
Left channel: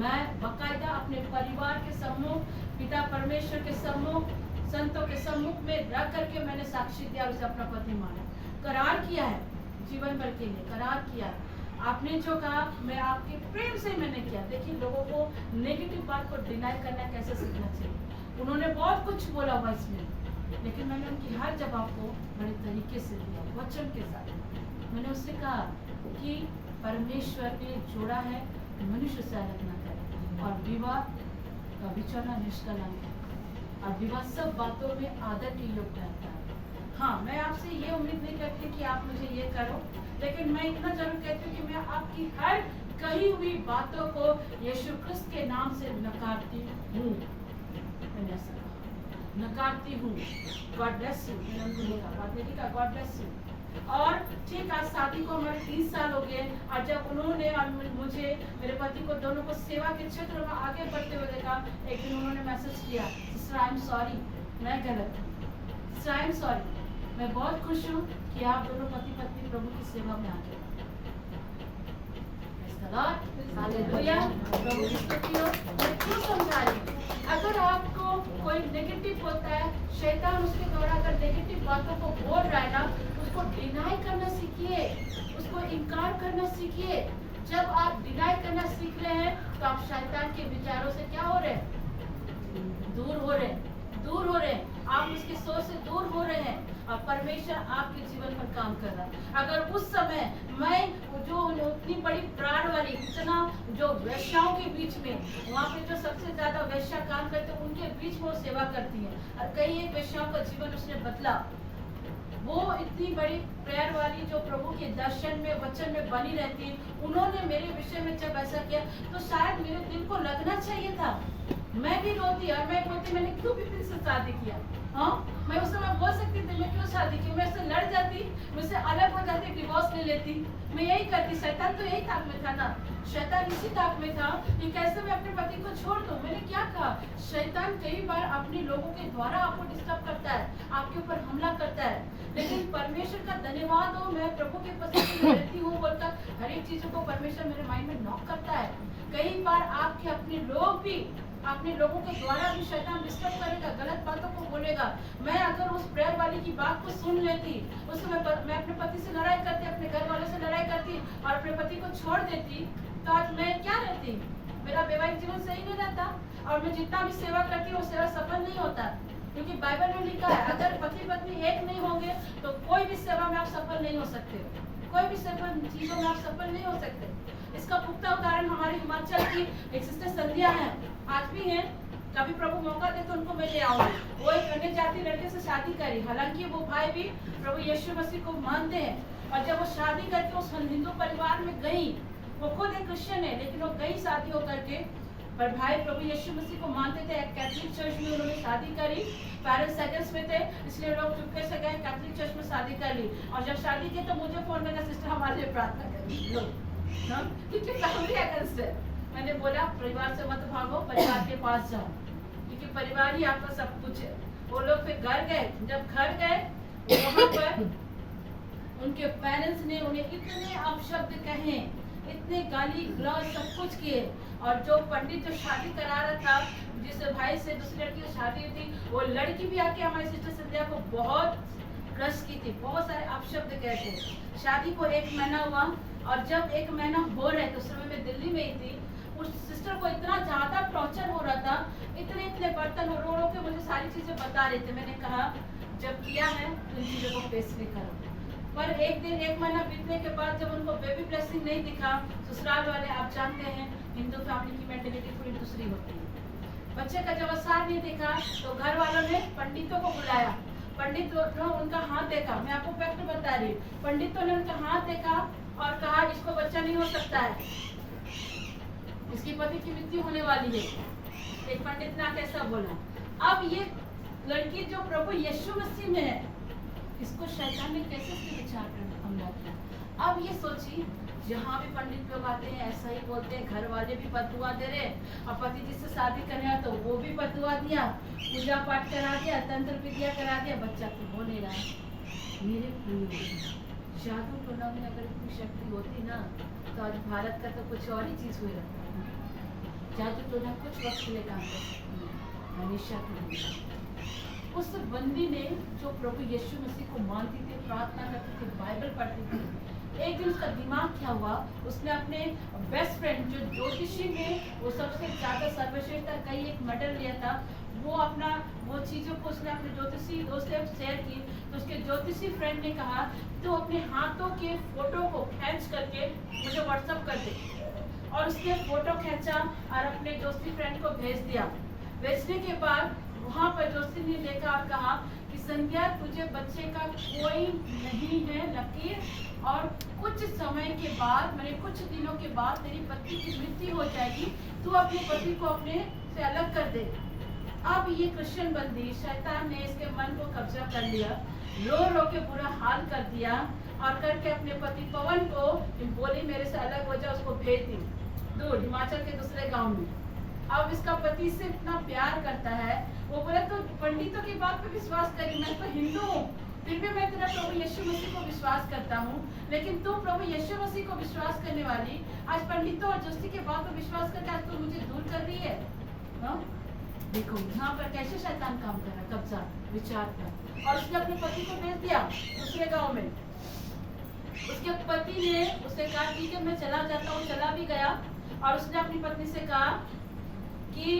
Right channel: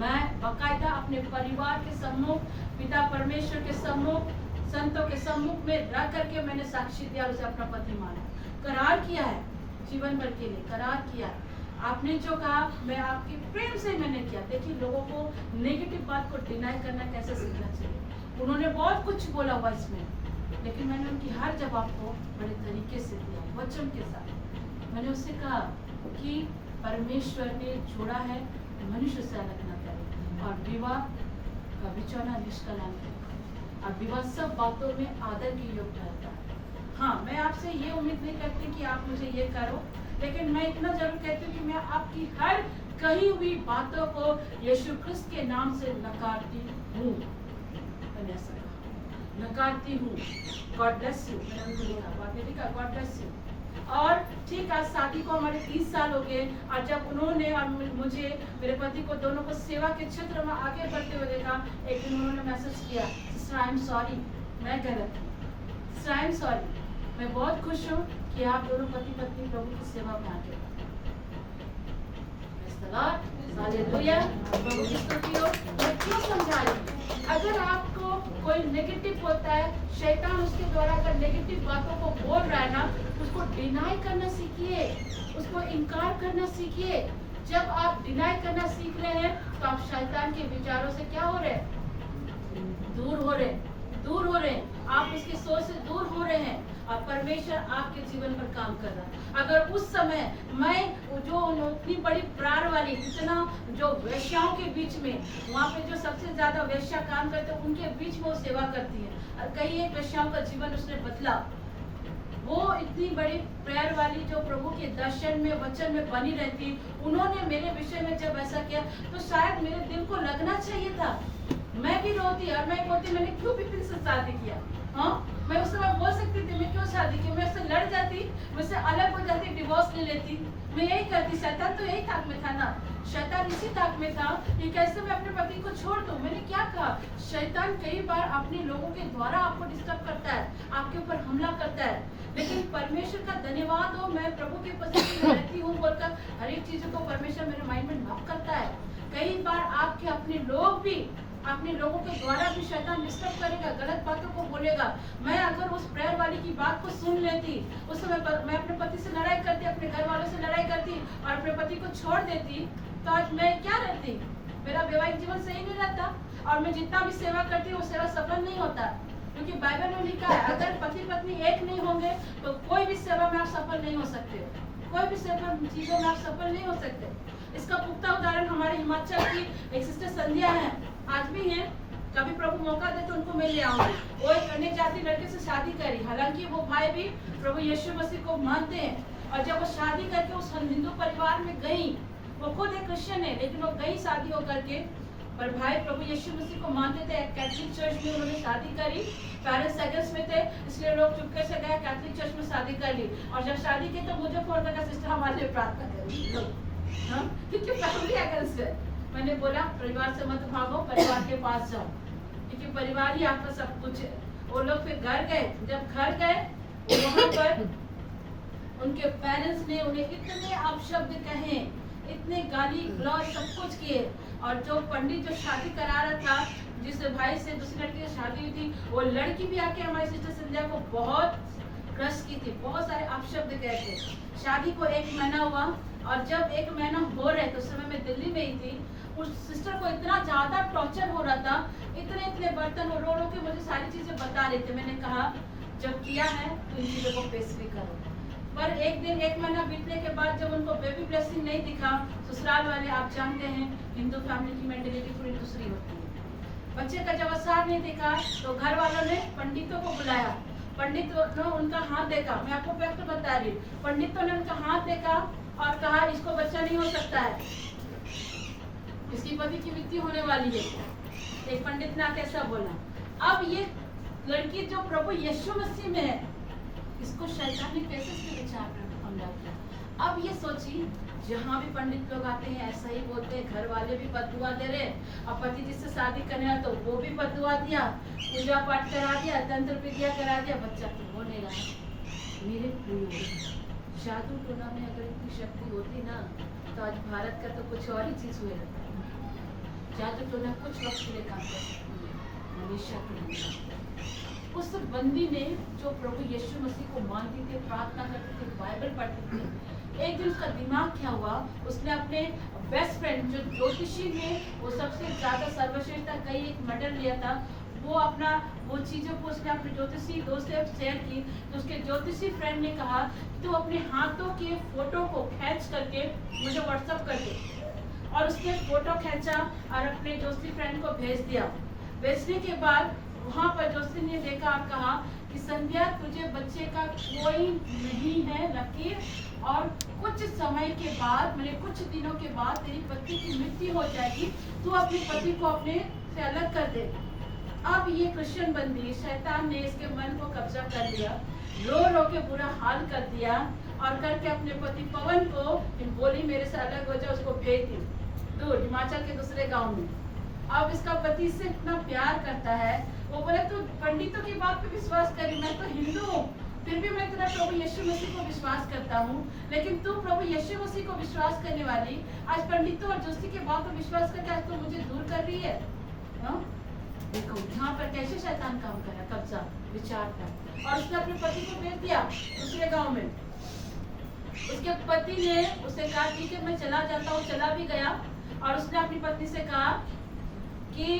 मैं बाकायदा अपने परिवार के सम्मुख, पिता परमेश्वर के सम्मुख, संतों के सम्मुख में रख करके मैंने साक्षी दिया और उसे अपना पति माना, करार किया है, जीवन भर के लिए करार किया। आपने जो कहा मैं आपके प्रेम से मैंने किया। देखिए लोगों को नेगेटिव बात को डिनाई करना कैसे सीखना चाहिए। उन्होंने बहुत कुछ बोला हुआ इसमें, लेकिन मैंने उनकी हर जवाब को बड़े तरीके से दिया, वचन के साथ। मैंने उससे कहा कि परमेश्वर ने जोड़ा है, मनुष्य से अलग न करे, और विवाह का बिछौना निष्कलंक है, और विवाह सब बातों में आदर के योग्य ठहरता है। हाँ, मैं आपसे ये उम्मीद नहीं करती कि आप मुझे ये करो, लेकिन मैं इतना जरूर कहती हूँ कि मैं आपकी हर कही हुई बातों को यीशु क्रिस्त के नाम से नकारती हूँ। मैंने ऐसा कहा, नकारती हूँ। God bless you. मैंने कहा गॉड ब्लेस यू। और ठीक आज शादी को हमारे 30 साल हो गए, और जब उन्होंने और मुझे, मेरे पति को, दोनों को सेवा के क्षेत्र में आगे बढ़ते हुए देखा, एक दिन उन्होंने मैसेज किया, सिस्टर आई एम सॉरी, मैं गलत हूँ, सिस्टर आई एम सॉरी, मैं बहुत खुश हूँ कि आप दोनों पति पत्नी प्रभु की सेवा में आगे हालेलुया, प्रभु की स्तुति हो। मैं क्यों समझा रही हूँ? अगर आपको कोई नेगेटिव होता है, शैतान उसके द्वारा अगर नेगेटिव बातों को बोल रहा है ना, उसको डिनाई करना सीखिए, उसको इनकार करना सीखिए। जब आप डिनाई करना सीख रहे हैं तो आप शैतान के विचारों से क्या हो रहे हैं? दूर हो रहे हैं, दूर हो रहे हैं। आप उसकी सोच से दूर हो रहे हैं और परमेश्वर आपके जीवन पर काम कर रहा है। अगर उस समय मैं जो इतनी बड़ी प्राण वाली, इतना जो वेश्याओं के बीच में, वहाँ पे जो सबसे ज्यादा वेश्या काम करते हैं उनके बीच में वो सेवा करती है, और कई एक वेश्याओं का जीवन उसने बदला। वो इतनी बड़ी प्रेयर वाली जो प्रभु के दर्शन में, वचन में बनी रहती, उन्होंने मेरे विषय में जब ऐसा किया तो शायद मेरे दिल को लगना चाहिए था। मैं भी रोती और मैं बोलती मैंने क्यों विपिन से शादी किया। हाँ, मैं उस समय बोल सकती थी मैं क्यों शादी की, मैं उससे लड़ जाती, मुझसे अलग हो जाती, डिवोर्स ले लेती, मैं यही करती। शैतान तो यही ताक में था ना, शैतान इसी ताक में था कि कैसे मैं अपने पति को छोड़ दूं। मैंने क्या कहा, शैतान कई बार अपने लोगों के द्वारा आपको डिस्टर्ब करता है, आपके ऊपर हमला करता है, लेकिन परमेश्वर का धन्यवाद हो, मैं प्रभु के पसंद में रहती हूँ बोलकर हर एक चीजों को परमेश्वर मेरे माइंड में नॉक करता है। कई बार आपके अपने लोग भी, अपने लोगों के द्वारा भी शैतान डिस्टर्ब करेगा, गलत बातों को बोलेगा। मैं अगर उस प्रेयर वाली की बात को सुन लेती, उस समय मैं अपने पति से लड़ाई करती, अपने घर वालों से लड़ाई करती और अपने पति को छोड़ देती, तो आज मैं क्या रहती? मेरा वैवाहिक जीवन सही नहीं रहता, और मैं जितना भी सेवा करती वो सेवा सफल नहीं होता, क्योंकि बाइबल में लिखा है अगर पति पत्नी एक नहीं होंगे तो कोई भी सेवा में आप सफल नहीं हो सकते, कोई भी सफल चीजों में आप सफल नहीं हो सकते। इसका पुख्ता उदाहरण हमारे हिमाचल की एक सिस्टर संध्या है, आज भी है, कभी प्रभु मौका दे तो उनको मैं ले आऊंगी। वो एक अन्य जाति लड़के से शादी करी, हालांकि वो भाई भी प्रभु यीशु मसीह को मानते हैं, और जब वो शादी करके उस हिंदू परिवार में गई, वो खुद एक क्रिश्चियन है लेकिन वो गई शादी हो करके, पर भाई प्रभु यीशु मसीह को मानते थे। एक कैथोलिक चर्च में उन्होंने शादी करी, पेरेंट्स सेकंड्स में थे, इसलिए लोग चुपके से गए कैथोलिक चर्च में शादी कर ली, और जब शादी की तो मुझे फोन करना, सिस्टर हमारे लिए प्रार्थना करी, क्योंकि फैमिली अगेंस्ट है। मैंने बोला परिवार से मत भागो, परिवार के पास जाओ, क्योंकि परिवार ही आपका सब कुछ है। वो लोग फिर घर गए, जब घर गए वहाँ पर उनके पेरेंट्स ने उन्हें इतने अपशब्द कहे, इतने गाली गलौज सब कुछ किए, और जो पंडित जो शादी करा रहा था, जिस भाई से दूसरी लड़की से शादी हुई थी, वो लड़की भी आके हमारी सिस्टर संध्या को बहुत रस की थी, बहुत सारे अपशब्द कहे थे। शादी को 1 महीना हुआ, और जब 1 महीना हो रहे तो उस समय मैं दिल्ली में ही थी, उस सिस्टर को इतना ज्यादा टॉर्चर हो रहा था, इतने बर्तन रो के मुझे सारी चीजें बता रहे थे। मैंने कहा जब किया है तो इन चीजों को फेस भी करो, पर एक दिन 1 महीना बीतने के बाद जब उनको बेबी ब्लेसिंग नहीं दिखा, ससुराल वाले, आप जानते हैं हिंदू फैमिली की मेंटेलिटी थोड़ी दूसरी होती है। बच्चे का जब असर नहीं दिखा तो घर वालों ने पंडितों को बुलाया। पंडितों ने उनका हाथ देखा, मैं आपको फैक्ट बता रही हूँ। पंडितों ने उनका हाथ देखा और कहा इसको बच्चा नहीं हो सकता है, इसकी पति की मृत्यु होने वाली है। एक पंडित ने कैसा बोला। अब ये लड़की जो प्रभु यीशु मसीह में है, इसको शैतान ने कैसे इसके विचार पर हमला किया। अब ये सोचिए, जहाँ भी पंडित लोग आते हैं ऐसा ही बोलते हैं, घर वाले भी बददुआ दे रहे, अब पति जिससे शादी करने आया तो वो भी बददुआ दिया, पूजा पाठ करा दिया, तंत्र विद्या करा दिया, बच्चा तो हो नहीं रहा। मेरे प्रिय, जादू टोना में अगर इतनी शक्ति होती ना तो आज भारत का तो कुछ और ही चीज हुआ रहता है। जादू टोना कुछ वक्त के लिए काम कर सकती है, हमेशा के लिए। उस बंदी ने जो प्रभु यीशु मसीह को मानती थी, प्रार्थना करती थी, बाइबल पढ़ती थी, एक दिन उसका दिमाग क्या हुआ, उसने अपने बेस्ट फ्रेंड जो ज्योतिषी थे, वो सबसे ज्यादा सर्वश्रेष्ठ था, कई एक मेडल लिया था, वो चीजों को उसने अपने ज्योतिषी दोस्त से शेयर की। तो उसके ज्योतिषी फ्रेंड ने कहा तो अपने हाथों के फोटो को खींच करके मुझे व्हाट्सएप कर दे, और उसने फोटो खींचा और अपने ज्योतिषी फ्रेंड को भेज दिया। भेजने के बाद वहाँ पर ज्योतिषी ने देखा और कहा कि संध्या, तुझे बच्चे का कोई नहीं है लकीर, और कुछ समय के बाद, मैंने कुछ दिनों के बाद तेरी पति की मृत्यु हो जाएगी, तू अपने पति को अपने से अलग कर दे। अब ये क्रिश्चियन बंदी, शैतान ने इसके मन को कब्जा कर लिया, रो रो के बुरा हाल कर दिया, और करके अपने पति पवन को बोली मेरे से अलग हो जाओ, उसको भेज दी दूर हिमाचल के दूसरे गाँव में। अब इसका पति इससे इतना प्यार करता है, वो बोले तो पंडितों की बात पे विश्वास करी, मैं तो हिंदू हूँ, फिर भी मैं तेरा प्रभु यीशु मसीह को विश्वास करता हूँ, लेकिन तू प्रभु यीशु मसीह को विश्वास करने वाली आज पंडितों और जोशी की बात पर विश्वास करके आज तो मुझे दूर कर रही है। हाँ? देखो यहाँ पर कैसे शैतान काम कर रहा है, कब्जा विचार पर। और उसने अपने पति को भेज दिया दूसरे गाँव में। उसके पति ने उसे कहा ठीक है मैं चला जाता हूँ, चला भी गया, और उसने अपनी पत्नी से कहा कि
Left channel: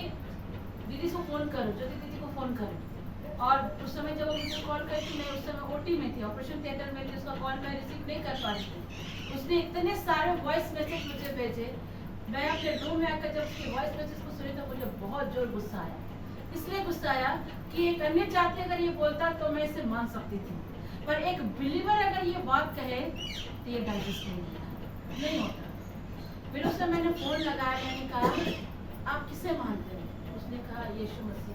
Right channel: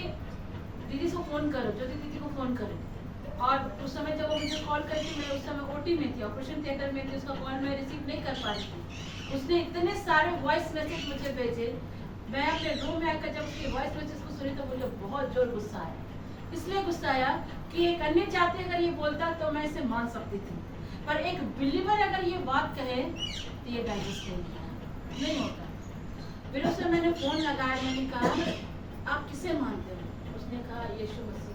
दीदी को फोन करो, जो दीदी को फोन करे। और उस समय जब वो मुझे कॉल करती, मैं उस समय ओटी में थी, ऑपरेशन थिएटर में थी, उसका कॉल मैं रिसीव नहीं कर पा रही थी। उसने इतने सारे वॉइस मैसेज मुझे भेजे, मैं अपने रूम में आकर जब उसके वॉइस मैसेज को सुनी तो मुझे बहुत जोर गुस्सा आया। इसलिए गुस्सा आया कि एक अन्य जाति अगर ये बोलता तो मैं इसे मान सकती थी, पर एक बिलीवर अगर ये बात कहे तो ये डाइजेस्ट नहीं होता। फिर उससे मैंने फोन लगाया, मैंने कहा आप किसे मानते हैं? उसने कहा यीशु मसीह।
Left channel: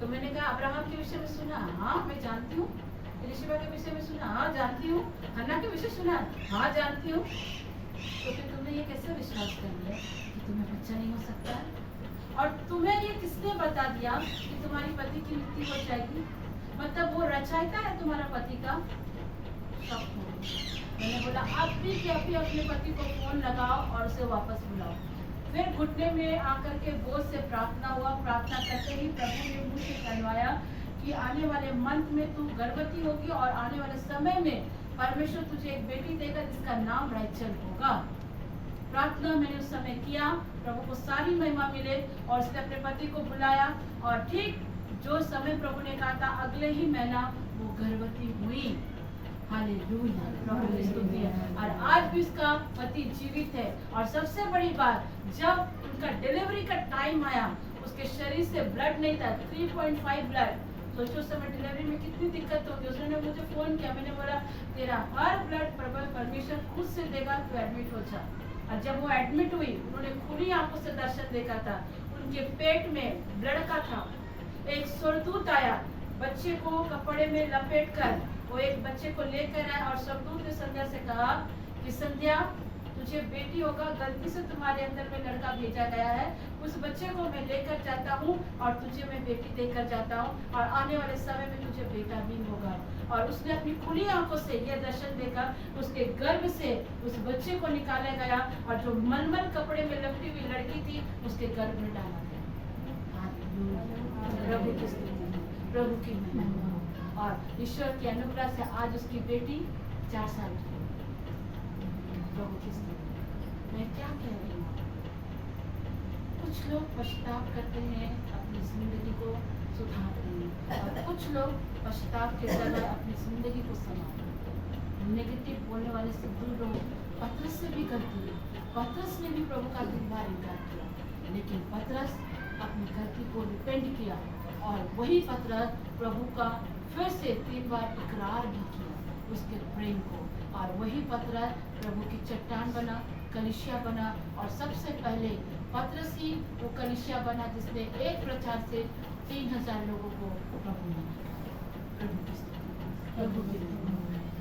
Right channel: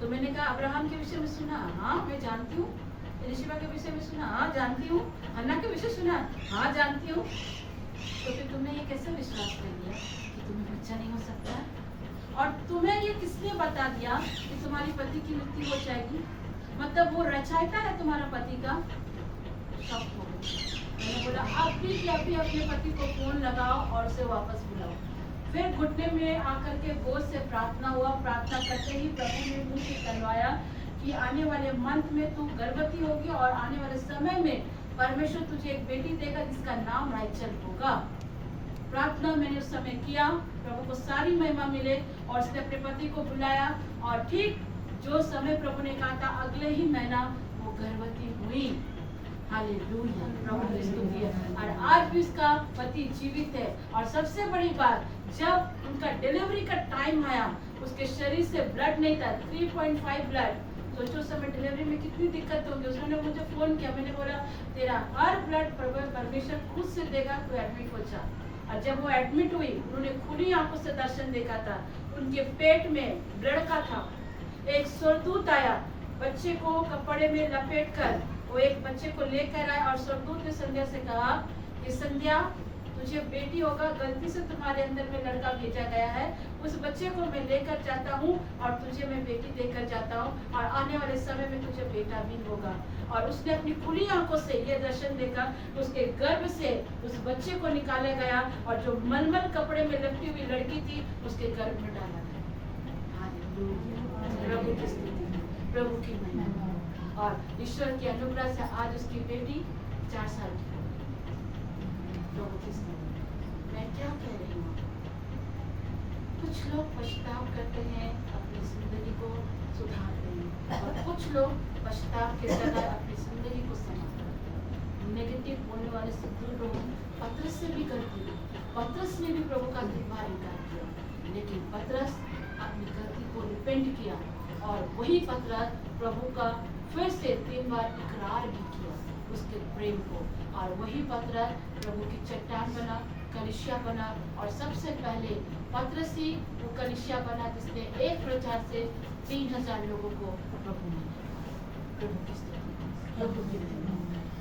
तो मैंने कहा अब्राहम के विषय में सुना? हाँ मैं जानती हूँ। एलिशबा के विषय में सुना? हाँ जानती हूँ। हन्ना के विषय सुना? हाँ जानती हूँ। तो फिर तुमने ये कैसे विश्वास कर लिया कि तुम्हें बच्चा नहीं हो सकता है? और तुम्हें ये किसने बता दिया कि तुम्हारी पति की मृत्यु हो जाएगी? मतलब वो रचयिता है तुम्हारा पति का? शौक हो गया। मैंने बोला अभी के अभी अपने पति को फोन लगाओ और उसे वापस बुलाओ। फिर घुटने में आकर के बोझ से प्रार्थना हुआ। प्रार्थना करते ही प्रभु ने मुझे कहवाया कि आने वाले मंथ में तू गर्भवती होगी और आने वाले समय में परमेश्वर तुझे एक बेटी देगा जिसका नाम राइचल होगा। प्रार्थना मैंने उस समय किया, प्रभु को सारी महिमा मिले, और उसने अपने पति को बुलाया, और ठीक जो समय प्रभु ने कहा था अगले ही महीना वो गर्भवती हुई। हालेलुया, प्रभु की स्तुति है। और आज भी उसका पति जीवित है। और सबसे बड़ी बात, जब उनका डिलीवरी का टाइम आया उसके शरीर से ब्लड नहीं था, 3.5 ब्लड। सोचो उस समय डिलीवरी में कितनी दिक्कत होगी। उसने मुझे फोन किया, मैंने बोला तेरा हर ब्लड परमेश्वर खुद से देगा, तू एडमिट हो जा। और जब वो एडमिट हुई, उन्होंने खुली आंखों से दर्शन देखा था। उनके पेट में ब्लड का था। एक स्वर्गदूत आया, बच्चे को कपड़े में लपेट कर वो एक बच्चे को लेकर आया, और स्वर्गदूत ने संध्या से कहा कि संध्या तुझे बेटी होगा, गलती से तुम्हारे अंदर में लड़का भेजा गया है, उस बच्चे को मैं लेकर जाता हूँ और तुझे मैं बेटी देकर जाता हूँ, और आने वाले समय में तुझे बेटा भी होगा। और उसने अपनी खुली आंखों से यह दर्शन देखा, उसके गर्भ से उस बच्चे को निकाला गया, और जो मलमल कपड़े में लपटी हुई लड़की थी उसके गर्भ में डाला गया। प्रभु की स्तुति, प्रभु की महिमा। और ईश्वर की अनुग्रह से आज उसकी बेटी 4 साल की है। प्रभु की स्तुति। मैं क्या कह रही हूँ, कुछ लोग पछताव करते हैं अपनी जिंदगी को सुधारने में, और कुछ लोग पछताव के जगह अपनी जिंदगी को संभालते हैं। लोग पतरस से भी गलती हुई। पतरस ने भी प्रभु का 3 बार इनकार किया, लेकिन पतरस अपनी गलती को रिपेंट किया और वही पतरस प्रभु का फिर से 3 बार इकरार भी किया उसके प्रेम को, और वही पतरस प्रभु की चट्टान बना, कलीसिया बना, और सबसे पहले पतरस ही वो कलीसिया बना जिसने एक प्रचार से 3000 लोगों को प्रभु ने दिया। प्रभु की स्तुति, प्रभु की महिमा।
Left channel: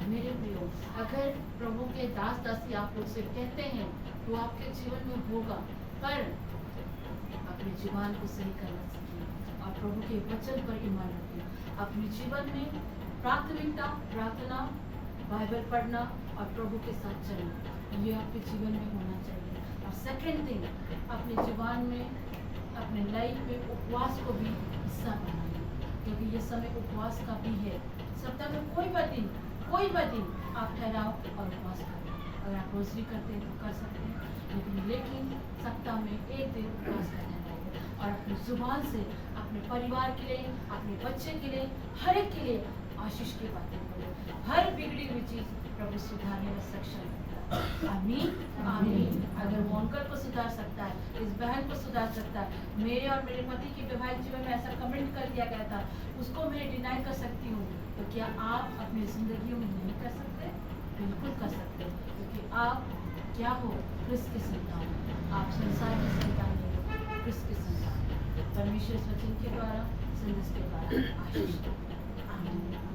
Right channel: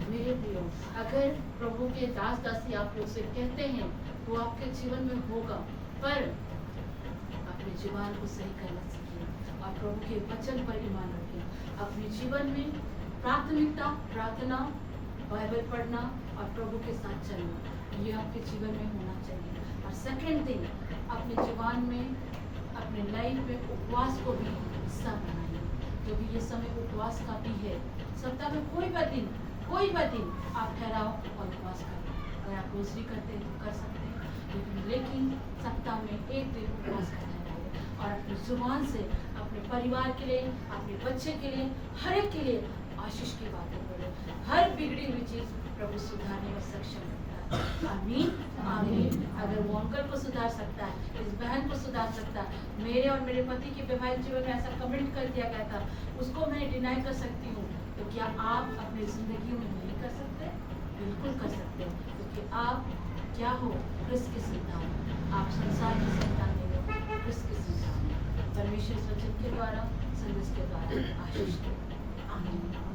मेरे प्रियो, अगर प्रभु के दास दासी आप लोग से कहते हैं तो आपके जीवन में होगा, पर अपने जीवन को सही करना सीखिए और प्रभु के वचन पर ईमान रखिए। अपने जीवन में प्राथमिकता प्रार्थना, बाइबल पढ़ना और प्रभु के साथ चलना, ये आपके जीवन में होना चाहिए। और सेकेंड थिंग, अपने जीवन में अपने लाइफ में उपवास को भी हिस्सा बनाइए, क्योंकि ये समय उपवास का भी है। सप्ताह में कोई भी दिन आप ठहराओ और उपवास करें। अगर आप रोजरी करते हैं तो कर सकते हैं, लेकिन सप्ताह में एक दिन उपवास करना चाहिए और अपनी जुबान से अपने परिवार के लिए, अपने बच्चे के लिए, हर एक के लिए आशीष की बातें बोले। हर बिगड़ी हुई चीज प्रभु सुधारने में सक्षम है। आमीन आमीन। अगर वो अंकल को सुधार सकता है, इस बहन को सुधार सकता है, मेरे और मेरे पति के वैवाहिक जीवन में ऐसा कमेंट कर दिया गया था, उसको मैं डिनाई कर सकती हूँ, तो क्या आप अपनी जिंदगी में नहीं कर सकते? बिल्कुल कर सकते हैं, क्योंकि आप क्या हो? क्रिस्त की संतान। आप संसार की संतान नहीं हो, क्रिस्त की संतान। परमेश्वर वचन के द्वारा, संदेश के द्वारा आशीष दो। आमीन।